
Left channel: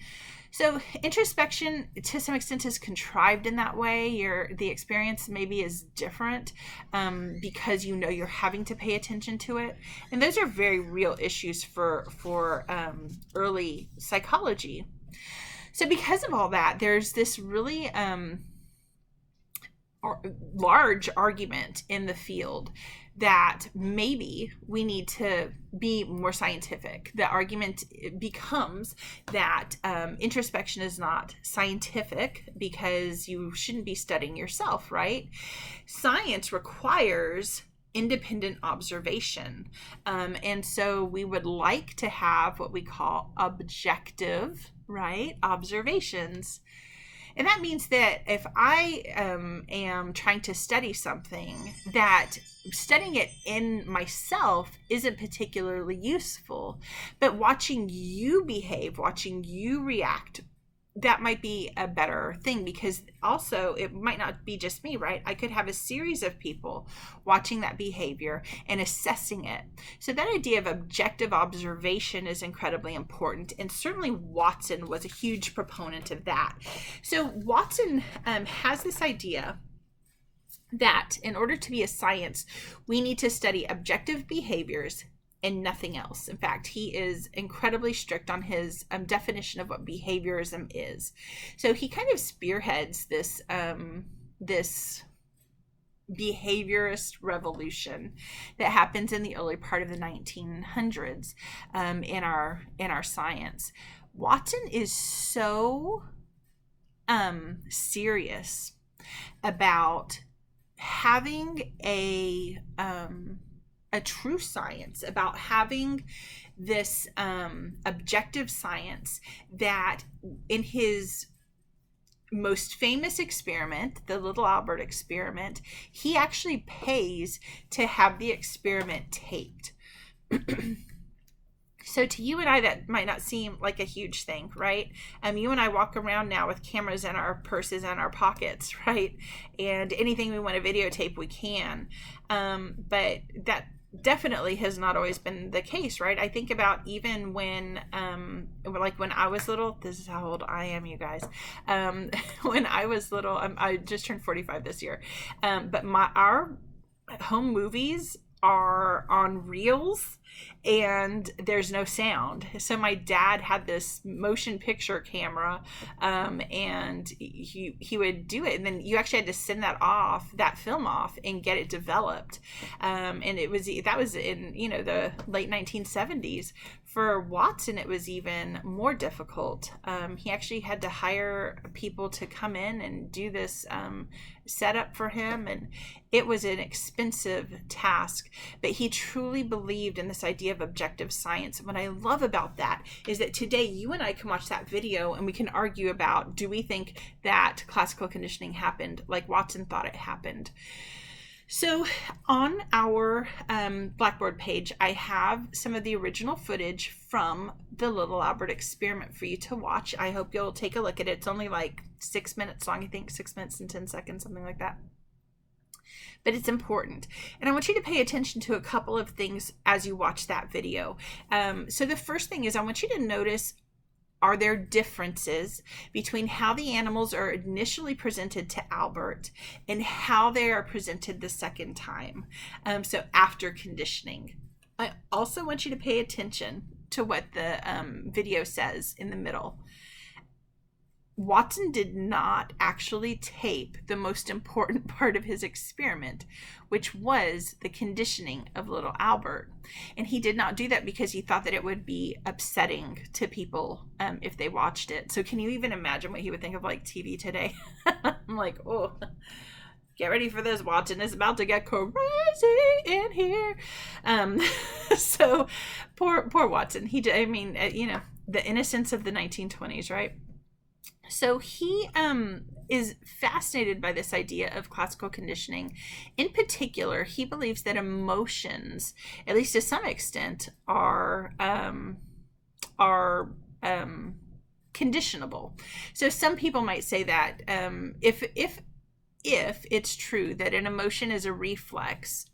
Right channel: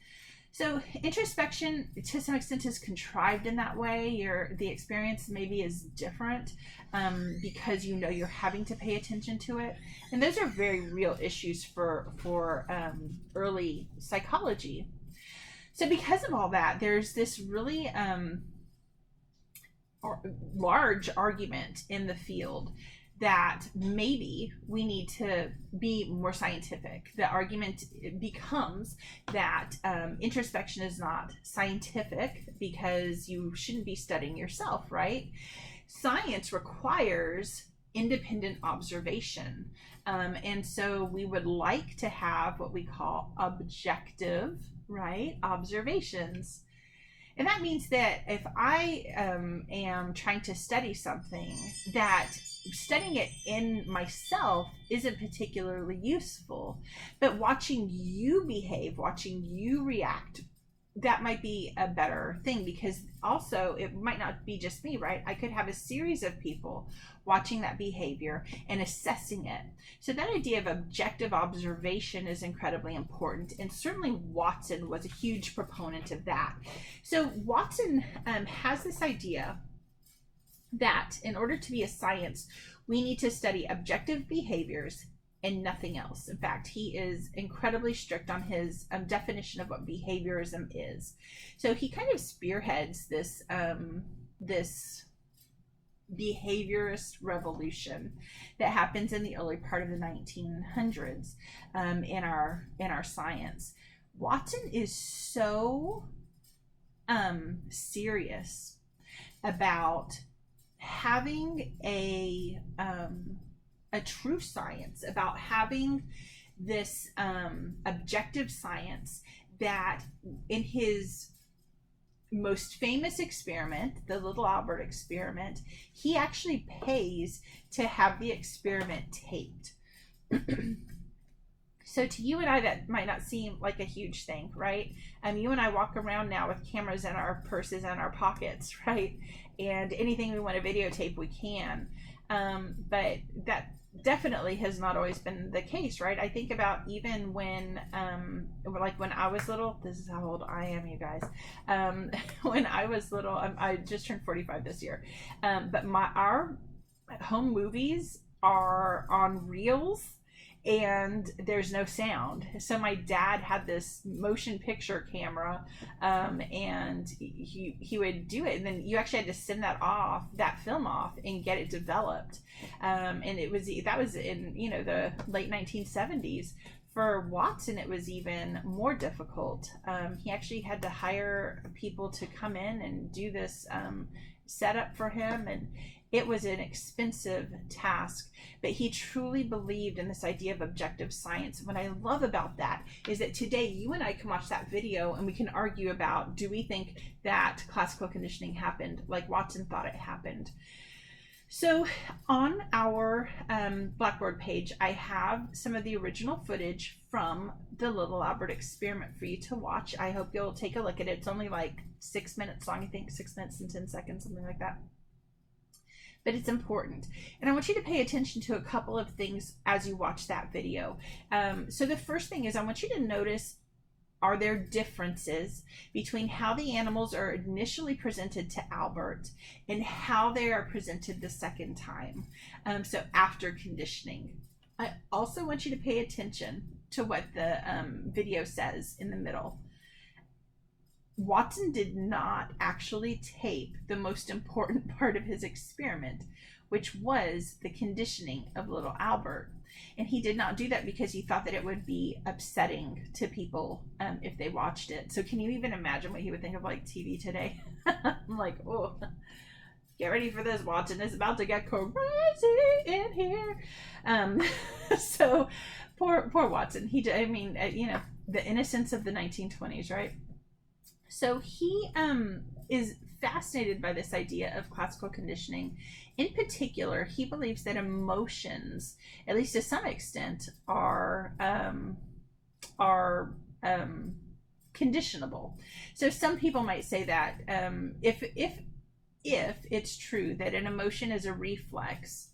So introspection to some extent is contrived in that way. The experience maybe is different because you know you're having to pay attention to it. And those are very real issues for early psychology. So because of all that, there's this really large argument in the field that maybe we need to be more scientific. The argument becomes that introspection is not scientific because you shouldn't be studying yourself, right? Science requires independent observation. And so we would like to have what we call objective, right, observations. And that means that if I am trying to study something, that studying it in myself isn't particularly useful, but watching you behave, watching you react, that might be a better thing, because also it might not be just me, right? I could have a series of people watching that behavior and assessing it. So that idea of objective observation is incredibly important, and certainly Watson was a huge proponent of that. So Watson has this idea that in order to be a science, we need to study objective behaviors and nothing else. In fact, he is incredibly strict on his definition of what behaviorism is. So he kind of spearheads this this behaviorist revolution that happens in the early part of the 1900s in our science. Watson is so serious about having a true science, about having this objective science, that in his most famous experiment, the Little Albert experiment, he actually pays to have the experiment taped. So to you and I, that might not seem like a huge thing, right? You and I walk around now with cameras in our purses and our pockets, right? And anything we want to videotape, we can. But that definitely has not always been the case, right? I think about even when when I was little. This is how old I am, you guys. When I was little, I just turned 45 this year, but our home movies are on reels and there's no sound. So my dad had this motion picture camera, and he would do it, and then you actually had to send that film off and get it developed, and that was in the late 1970s. For Watson, it was even more difficult. He actually had to hire people to come in and do this setup for him, and it was an expensive task, but he truly believed in this idea of objective science. What I love about that is that today you and I can watch that video and we can argue about, do we think that classical conditioning happened like Watson thought it happened? So on our Blackboard page, I have some of the original footage from the Little Albert experiment for you to watch. I hope you'll take a look at it. It's only like 6 minutes long, I think 6 minutes and 10 seconds, something like that. but it's important. And I want you to pay attention to a couple of things as you watch that video. So the first thing is I want you to notice, are there differences between how the animals are initially presented to Albert and how they are presented the second time? So after conditioning. I also want you to pay attention to what the video says in the middle. Watson did not actually tape the most important part of his experiment, which was the conditioning of little Albert. And he did not do that because he thought that it would be upsetting to people if they watched it. So can you even imagine what he would think of like TV today? I'm like, oh, get ready for this, Watson. It's about to get crazy in here. So poor Watson. I mean, the innocence of the 1920s, right? So he is fascinated by this idea of classical conditioning. In particular, he believes that emotions, at least to some extent, are conditionable. So some people might say that if it's true that an emotion is a reflex,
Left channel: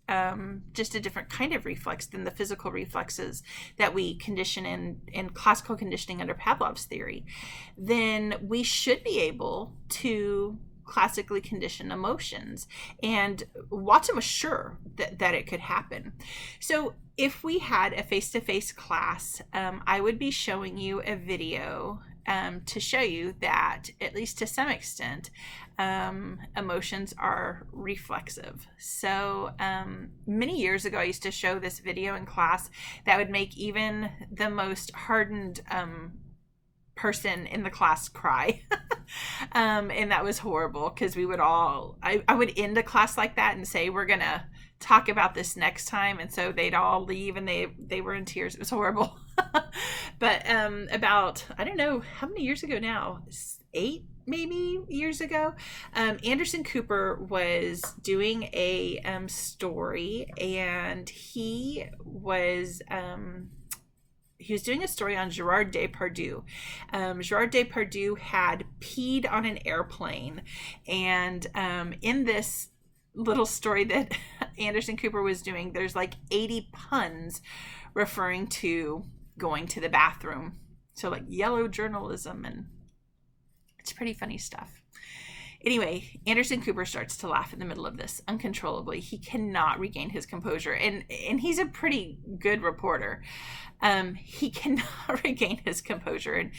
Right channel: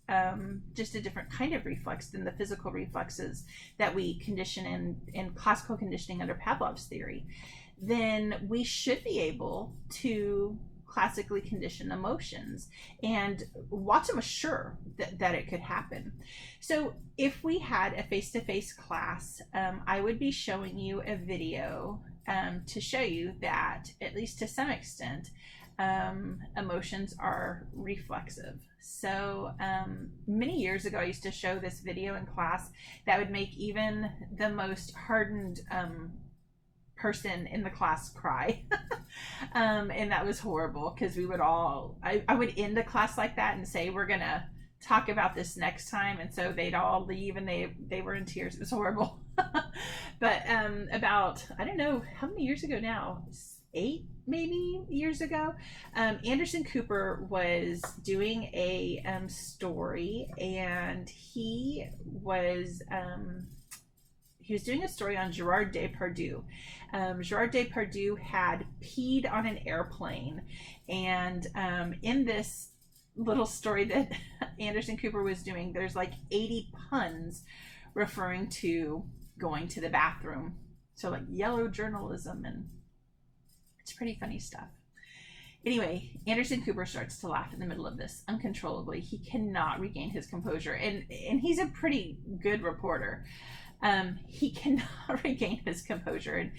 just a different kind of reflex than the physical reflexes that we condition in classical conditioning under Pavlov's theory, then we should be able to classically condition emotions. And Watson was sure that it could happen. So if we had a face-to-face class, I would be showing you a video to show you that, at least to some extent, emotions are reflexive. So many years ago, I used to show this video in class that would make even the most hardened person in the class cry. And that was horrible, because we would all, I would end a class like that and say, we're gonna talk about this next time, and so they'd all leave and they were in tears. It was horrible. But about, I don't know how many years ago now, 8 maybe years ago, Anderson Cooper was doing a story, and he was doing a story on Gerard Depardieu. Gerard Depardieu had peed on an airplane, and in this little story that Anderson Cooper was doing, there's like 80 puns referring to going to the bathroom. So like yellow journalism, and it's pretty funny stuff. Anyway, Anderson Cooper starts to laugh in the middle of this uncontrollably. He cannot regain his composure, and he's a pretty good reporter. He cannot regain his composure,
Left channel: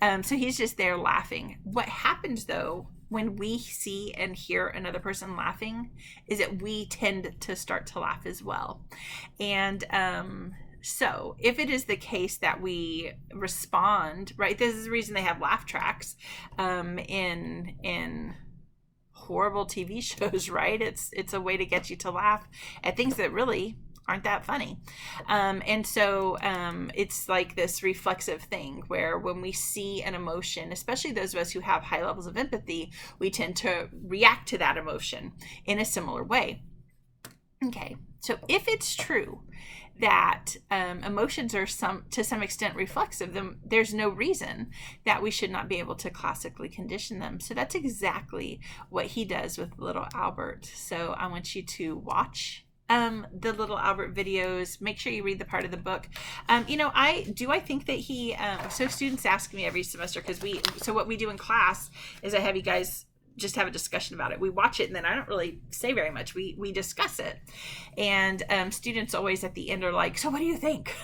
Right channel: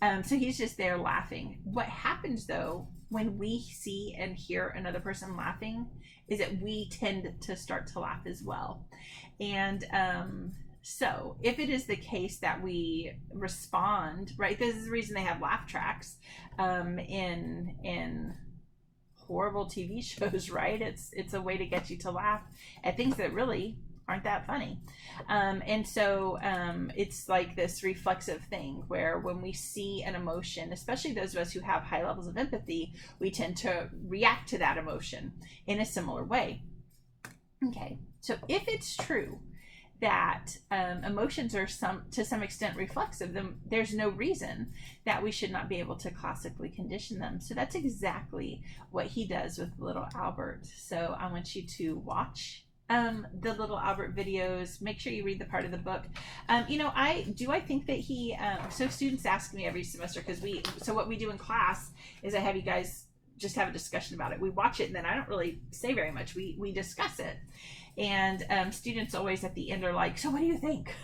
and so he's just there laughing. What happens though when we see and hear another person laughing is that we tend to start to laugh as well. And so if it is the case that we respond, right, this is the reason they have laugh tracks in horrible TV shows, right? It's a way to get you to laugh at things that really aren't that funny. And so it's like this reflexive thing where when we see an emotion, especially those of us who have high levels of empathy, we tend to react to that emotion in a similar way. Okay, so if it's true that emotions are to some extent reflexive, then there's no reason that we should not be able to classically condition them. So that's exactly what he does with little Albert. So I want you to watch the little Albert videos. Make sure you read the part of the book. I think that he so students ask me every semester, because what we do in class is I have you guys just have a discussion about it. We watch it, and then I don't really say very much. We discuss it, and students always at the end are like, so what do you think?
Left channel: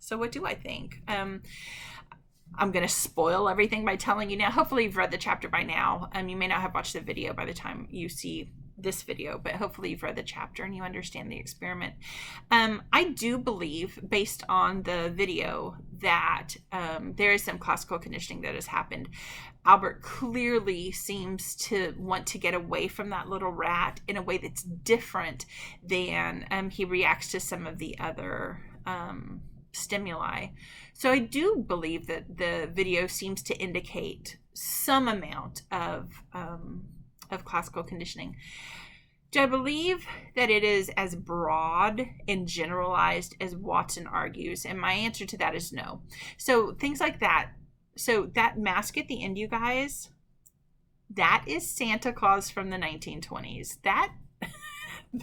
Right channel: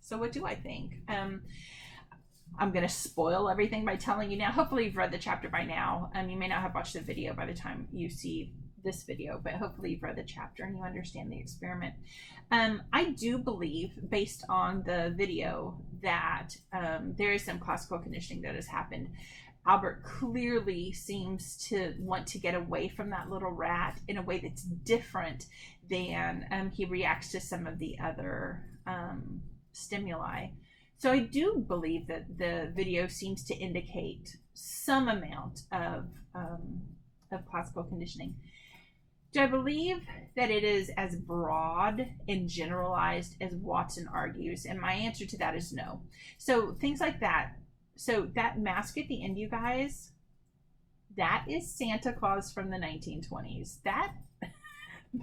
So what do I think? I'm going to spoil everything by telling you now. Hopefully you've read the chapter by now. You may not have watched the video by the time you see this video, but hopefully you've read the chapter and you understand the experiment. I do believe, based on the video, that there is some classical conditioning that has happened. Albert clearly seems to want to get away from that little rat in a way that's different than he reacts to some of the other stimuli. So I do believe that the video seems to indicate some amount of classical conditioning. Do I believe that it is as broad and generalized as Watson argues? And my answer to that is no. So things like that. So that mask at the end, you guys, that is Santa Claus from the 1920s.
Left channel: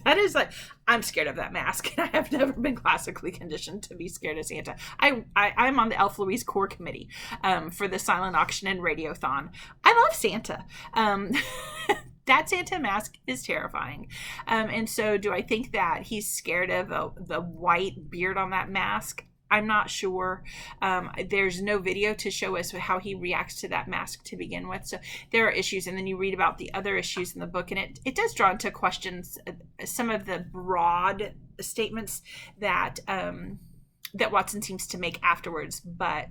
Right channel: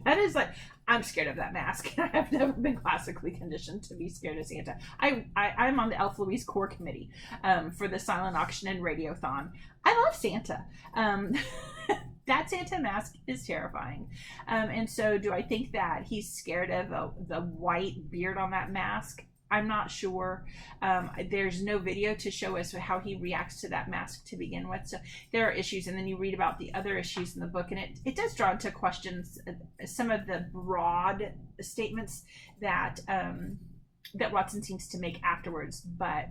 That is like, I'm scared of that mask, and I have never been classically conditioned to be scared of Santa. I'm on the Elf Louise core committee for the silent auction and radiothon. I love Santa. That Santa mask is terrifying. And so do I think that he's scared of the white beard on that mask? I'm not sure. There's no video to show us how he reacts to that mask to begin with. So there are issues. And then you read about the other issues in the book, and it does draw into questions some of the broad statements that that Watson seems to make afterwards. But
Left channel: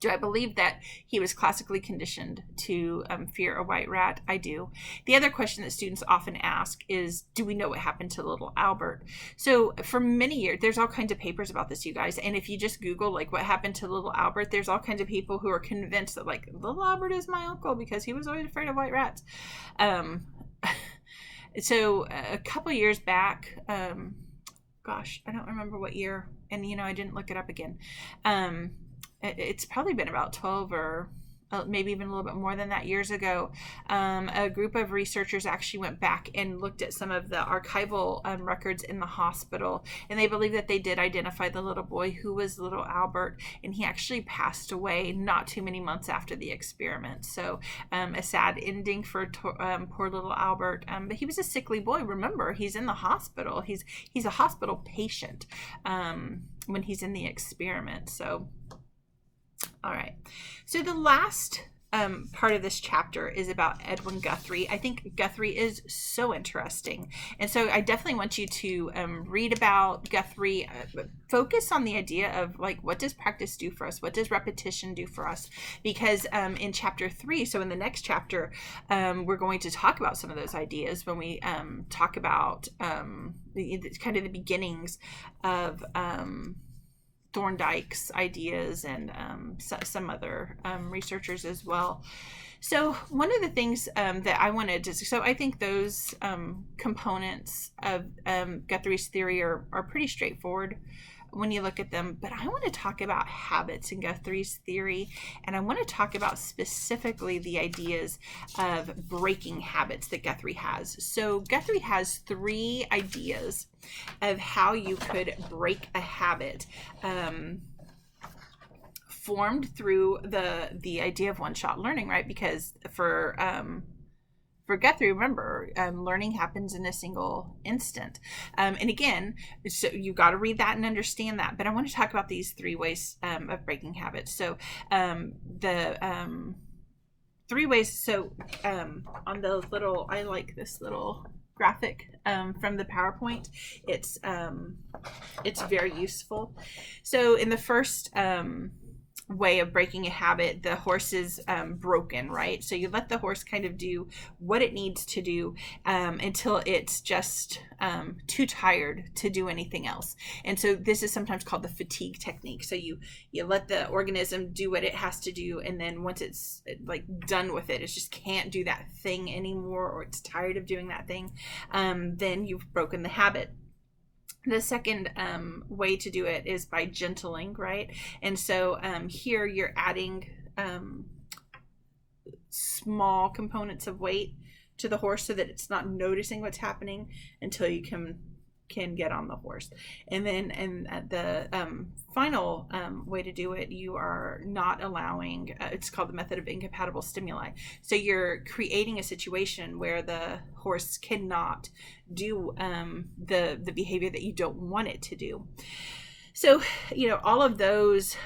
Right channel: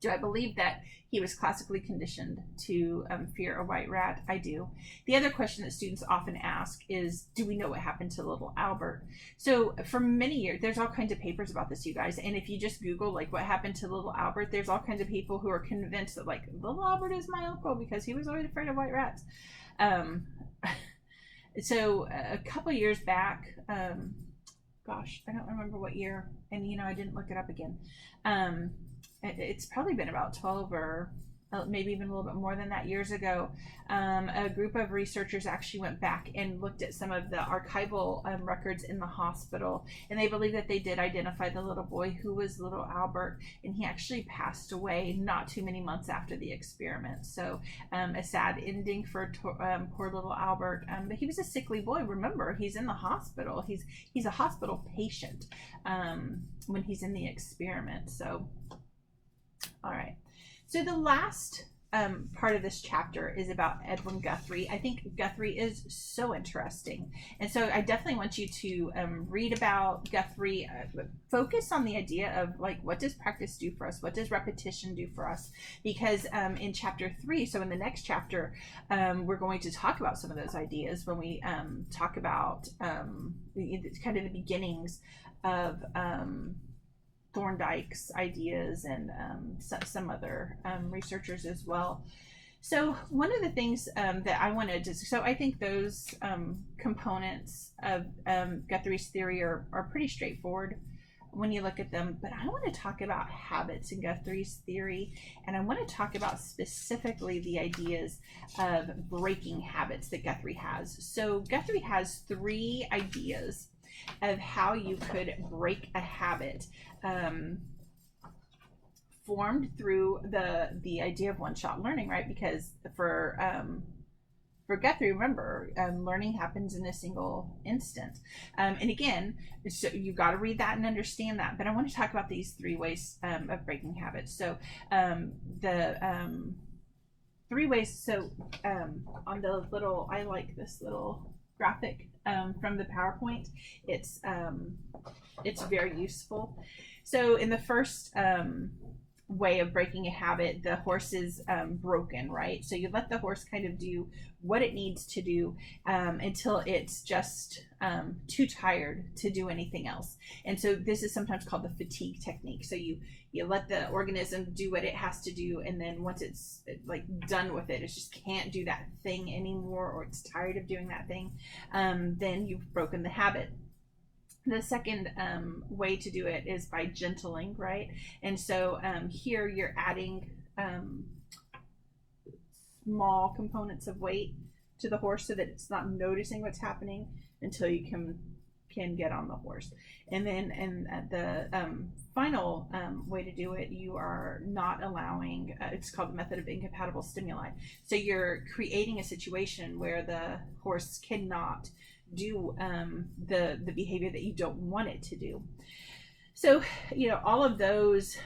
do I believe that he was classically conditioned to fear a white rat? I do. The other question that students often ask is, do we know what happened to little Albert? So for many years, there's all kinds of papers about this, you guys. And if you just Google like what happened to little Albert, there's all kinds of people who are convinced that like little Albert is my uncle because he was always afraid of white rats. So a couple years back, gosh, I don't remember what year, and I didn't look it up again. It's probably been about 12 or maybe even a little bit more than that years ago. A group of researchers actually went back and looked at some of the archival records in the hospital, and they believe that they did identify the little boy who was little Albert, and he actually passed away not too many months after the experiment. So a sad ending for poor little Albert, but he was a sickly boy. Remember, he's in the hospital. He's a hospital patient when he's in the experiment. So all right, so the last part of this chapter is about Edwin Guthrie. I think Guthrie is so interesting, and so I definitely want you to read about Guthrie. Focus on the idea of like, what does practice do for us? What does repetition do for us? Because in chapter 3, so in the next chapter, we're going to talk about some of those ideas when we talk about kind of the beginnings of Thorndike's ideas and some other researchers as well. So one of the things that I wanted to, so I think those components of Guthrie's theory are pretty straightforward when you look at them, but I want to talk about habits in Guthrie's theory, and I want to talk about specifically the ideas of breaking habits that Guthrie has. So Guthrie has 3 ideas of how you could break a habit formed through the idea of one-shot learning, right? Because for Guthrie, remember, learning happens in a single instant. And again, so you've got to read that and understand that. But I want to talk about these 3 ways of breaking habits. So the 3 ways. So on the little, I like this little graphic from the PowerPoint. It's very useful. So in the first way of breaking a habit, the horse is broken, right? So you let the horse kind of do what it needs to do until it's just too tired to do anything else. And so this is sometimes called the fatigue technique. So you let the organism do what it has to do, and then once it's like done with it, it just can't do that thing anymore, or it's tired of doing that thing, then you've broken the habit. The second way to do it is by gentling, right? And so here you're adding small components of weight to the horse so that it's not noticing what's happening until you can get on the horse. And then the final way to do it, you are not allowing, it's called the method of incompatible stimuli. So you're creating a situation where the horse cannot do the behavior that you don't want it to do. So, all of those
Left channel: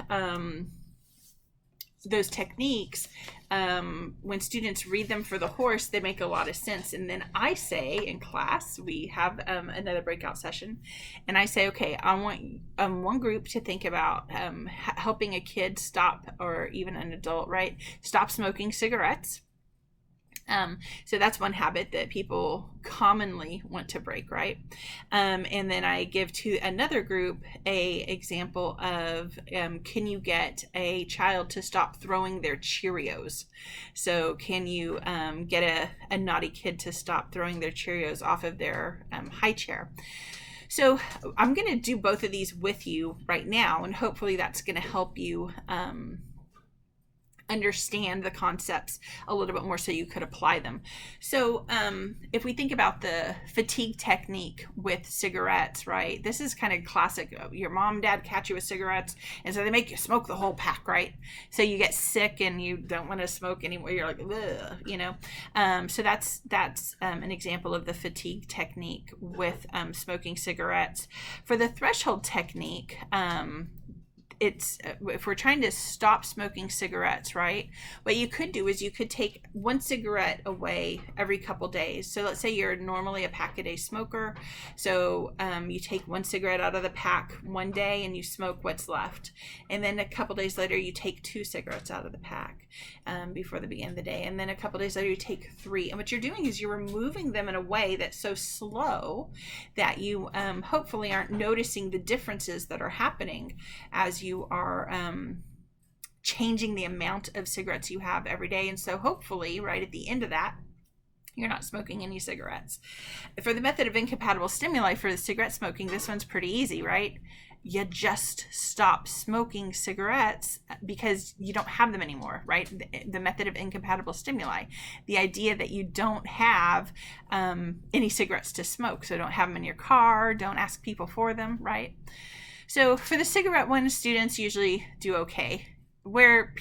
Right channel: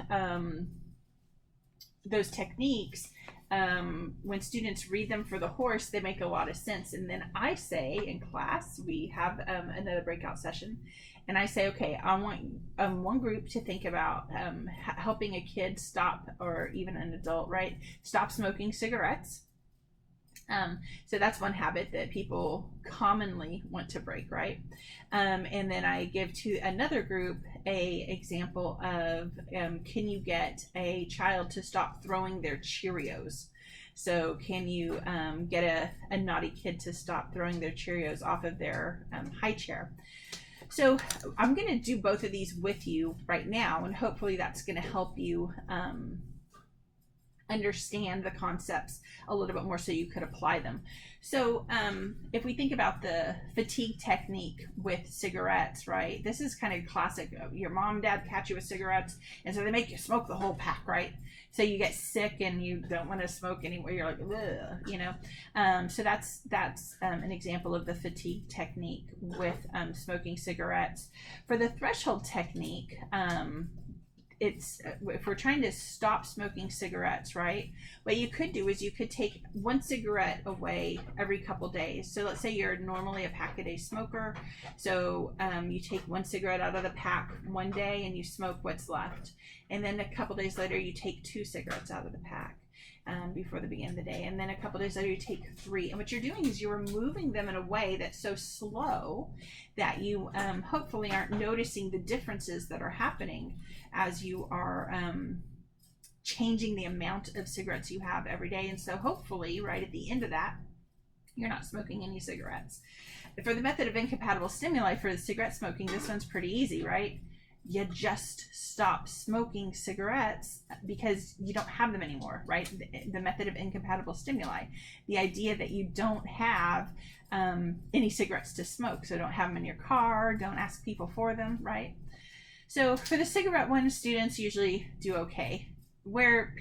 techniques, when students read them for the horse, they make a lot of sense. And then I say in class, we have another breakout session, and I say, okay, I want one group to think about helping a kid stop, or even an adult, right, stop smoking cigarettes. So that's one habit that people commonly want to break, right? And then I give to another group a example of can you get a child to stop throwing their Cheerios? So can you get a naughty kid to stop throwing their Cheerios off of their high chair? So I'm going to do both of these with you right now, and hopefully that's going to help you understand the concepts a little bit more so you could apply them. So if we think about the fatigue technique with cigarettes, right, this is kind of classic. Your mom and dad catch you with cigarettes, and so they make you smoke the whole pack, right? So you get sick and you don't want to smoke anymore. You're like, ugh, you know. So that's an example of the fatigue technique with smoking cigarettes. For the threshold technique, it's if we're trying to stop smoking cigarettes, right, what you could do is you could take one cigarette away every couple days. So let's say you're normally a pack a day smoker, so you take one cigarette out of the pack one day and you smoke what's left, and then a couple days later you take 2 cigarettes out of the pack before the beginning of the day, and then a couple days later you take 3. And what you're doing is you're removing them in a way that's so slow that you hopefully aren't noticing the differences that are happening as you are changing the amount of cigarettes you have every day. And so hopefully right at the end of that, you're not smoking any cigarettes. For the method of incompatible stimuli for the cigarette smoking, this one's pretty easy, right? You just stop smoking cigarettes because you don't have them anymore, right? The method of incompatible stimuli. The idea that you don't have any cigarettes to smoke, so don't have them in your car, don't ask people for them, right? So for the cigarette one, students usually do okay. Where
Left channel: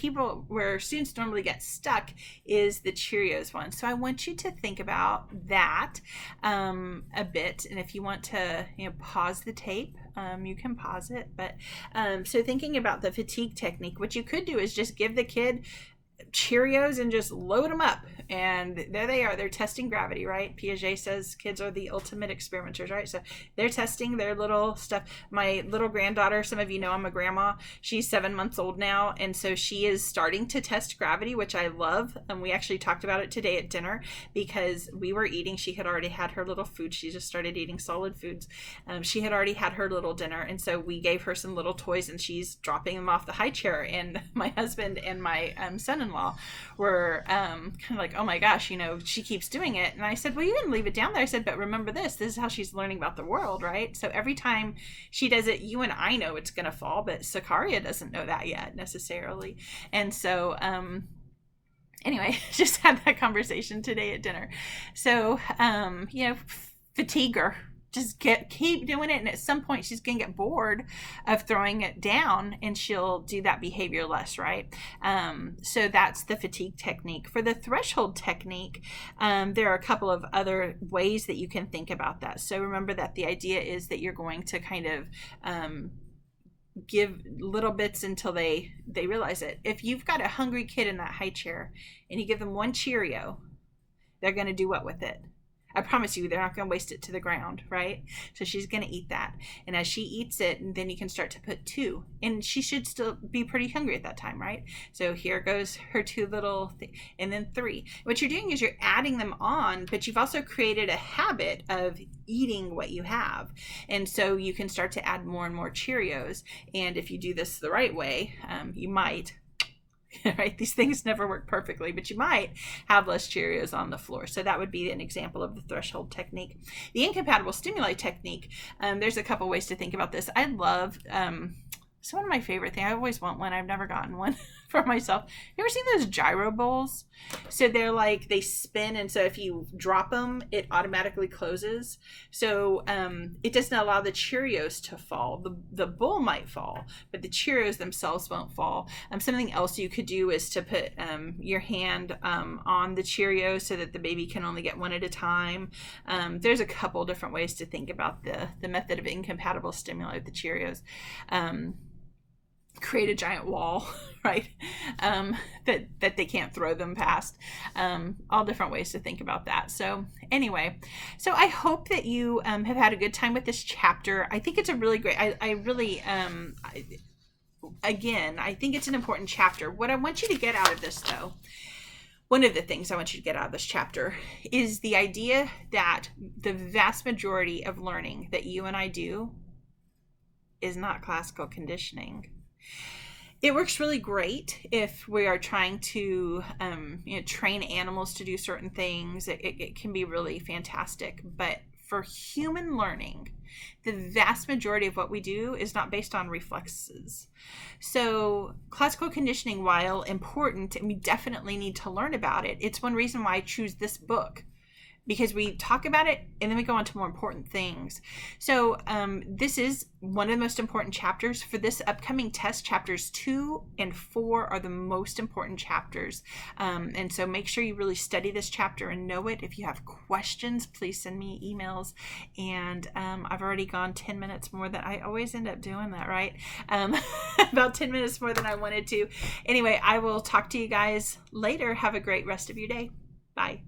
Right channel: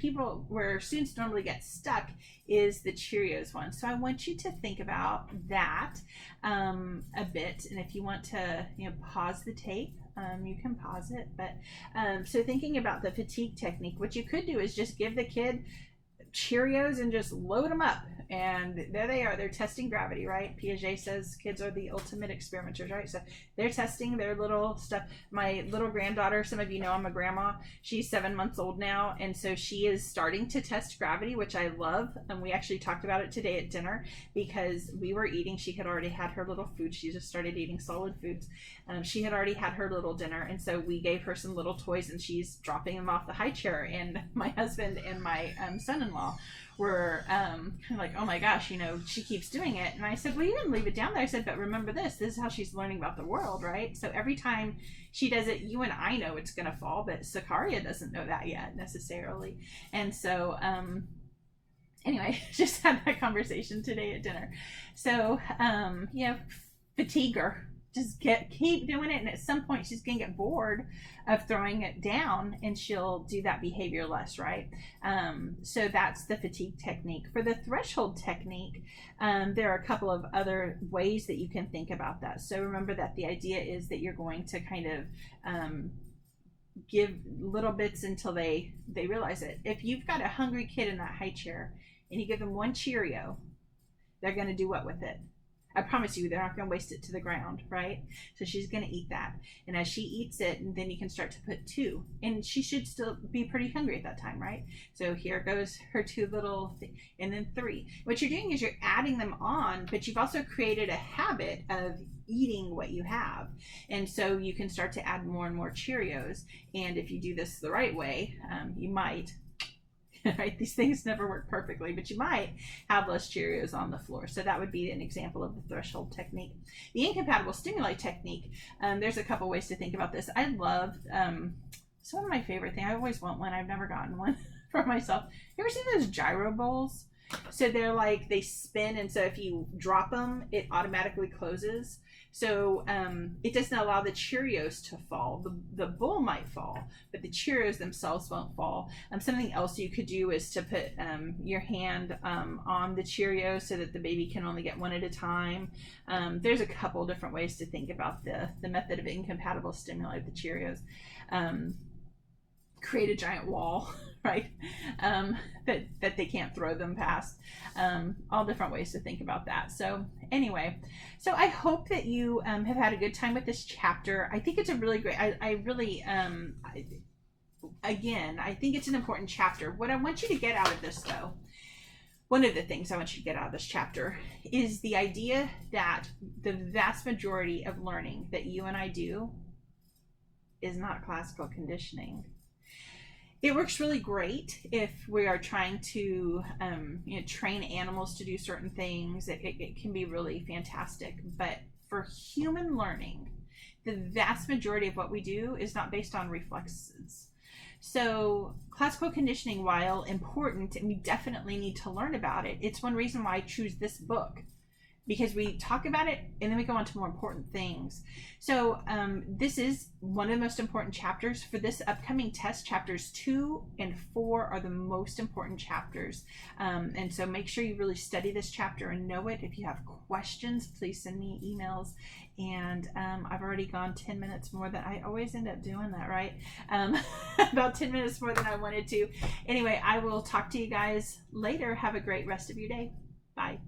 students normally get stuck is the Cheerios one. So I want you to think about that a bit. And if you want to, pause the tape, you can pause it. But so thinking about the fatigue technique, what you could do is just give the kid Cheerios and just load them up, and there they are. They're testing gravity, right? Piaget says kids are the ultimate experimenters, right? So they're testing their little stuff. My little granddaughter, some of you know I'm a grandma, she's 7 months old now, and so she is starting to test gravity, which I love. And we actually talked about it today at dinner because we were eating. She had already had her little food. She just started eating solid foods. She had already had her little dinner, and so we gave her some little toys, and she's dropping them off the high chair. And my husband and my son-in-law were kind of like, oh my gosh, she keeps doing it. And I said, well, you didn't leave it down there. I said, but remember this is how she's learning about the world, right? So every time she does it, you and I know it's going to fall, but Sakaria doesn't know that yet necessarily. And so anyway, just had that conversation today at dinner. So fatigue her. Just keep doing it, and at some point she's gonna get bored of throwing it down, and she'll do that behavior less, right? So that's the fatigue technique. For the threshold technique, there are a couple of other ways that you can think about that. So remember that the idea is that you're going to kind of give little bits until they realize it. If you've got a hungry kid in that high chair and you give them one Cheerio, they're gonna do what with it? I promise you, they're not going to waste it to the ground, right? So she's going to eat that. And as she eats it, and then you can start to put 2. And she should still be pretty hungry at that time, right? So here goes her 2 little and then 3. What you're doing is you're adding them on, but you've also created a habit of eating what you have. And so you can start to add more and more Cheerios. And if you do this the right way, you might... right? These things never work perfectly, but you might have less Cheerios on the floor. So that would be an example of the threshold technique. The incompatible stimuli technique, there's a couple ways to think about this. I love, it's one of my favorite things. I always want one. I've never gotten one for myself. You ever seen those gyro bowls? So they're like, they spin, and so if you drop them, it automatically closes. So it doesn't allow the Cheerios to fall. The bowl might fall, but the Cheerios themselves won't fall. Something else you could do is to put your hand on the Cheerios so that the baby can only get one at a time. There's a couple different ways to think about the method of incompatible stimuli with the Cheerios. Create a giant wall, right? That they can't throw them past. All different ways to think about that. So anyway, so I hope that you have had a good time with this chapter. I think it's a really great, I think it's an important chapter. What I want you to get out of this, though, one of the things I want you to get out of this chapter is the idea that the vast majority of learning that you and I do is not classical conditioning. It works really great if we are trying to train animals to do certain things. It can be really fantastic. But for human learning, the vast majority of what we do is not based on reflexes. So classical conditioning, while important, and we definitely need to learn about it, it's one reason why I choose this book, because we talk about it and then we go on to more important things. So this is one of the most important chapters for this upcoming test. Chapters 2 and 4 are the most important chapters. And so make sure you really study this chapter and know it. If you have questions, please send me emails. And I've already gone 10 minutes more than I always end up doing that, right? About 10 minutes more than I wanted to. Anyway, I will talk to you guys later. Have a great rest of your day. Bye.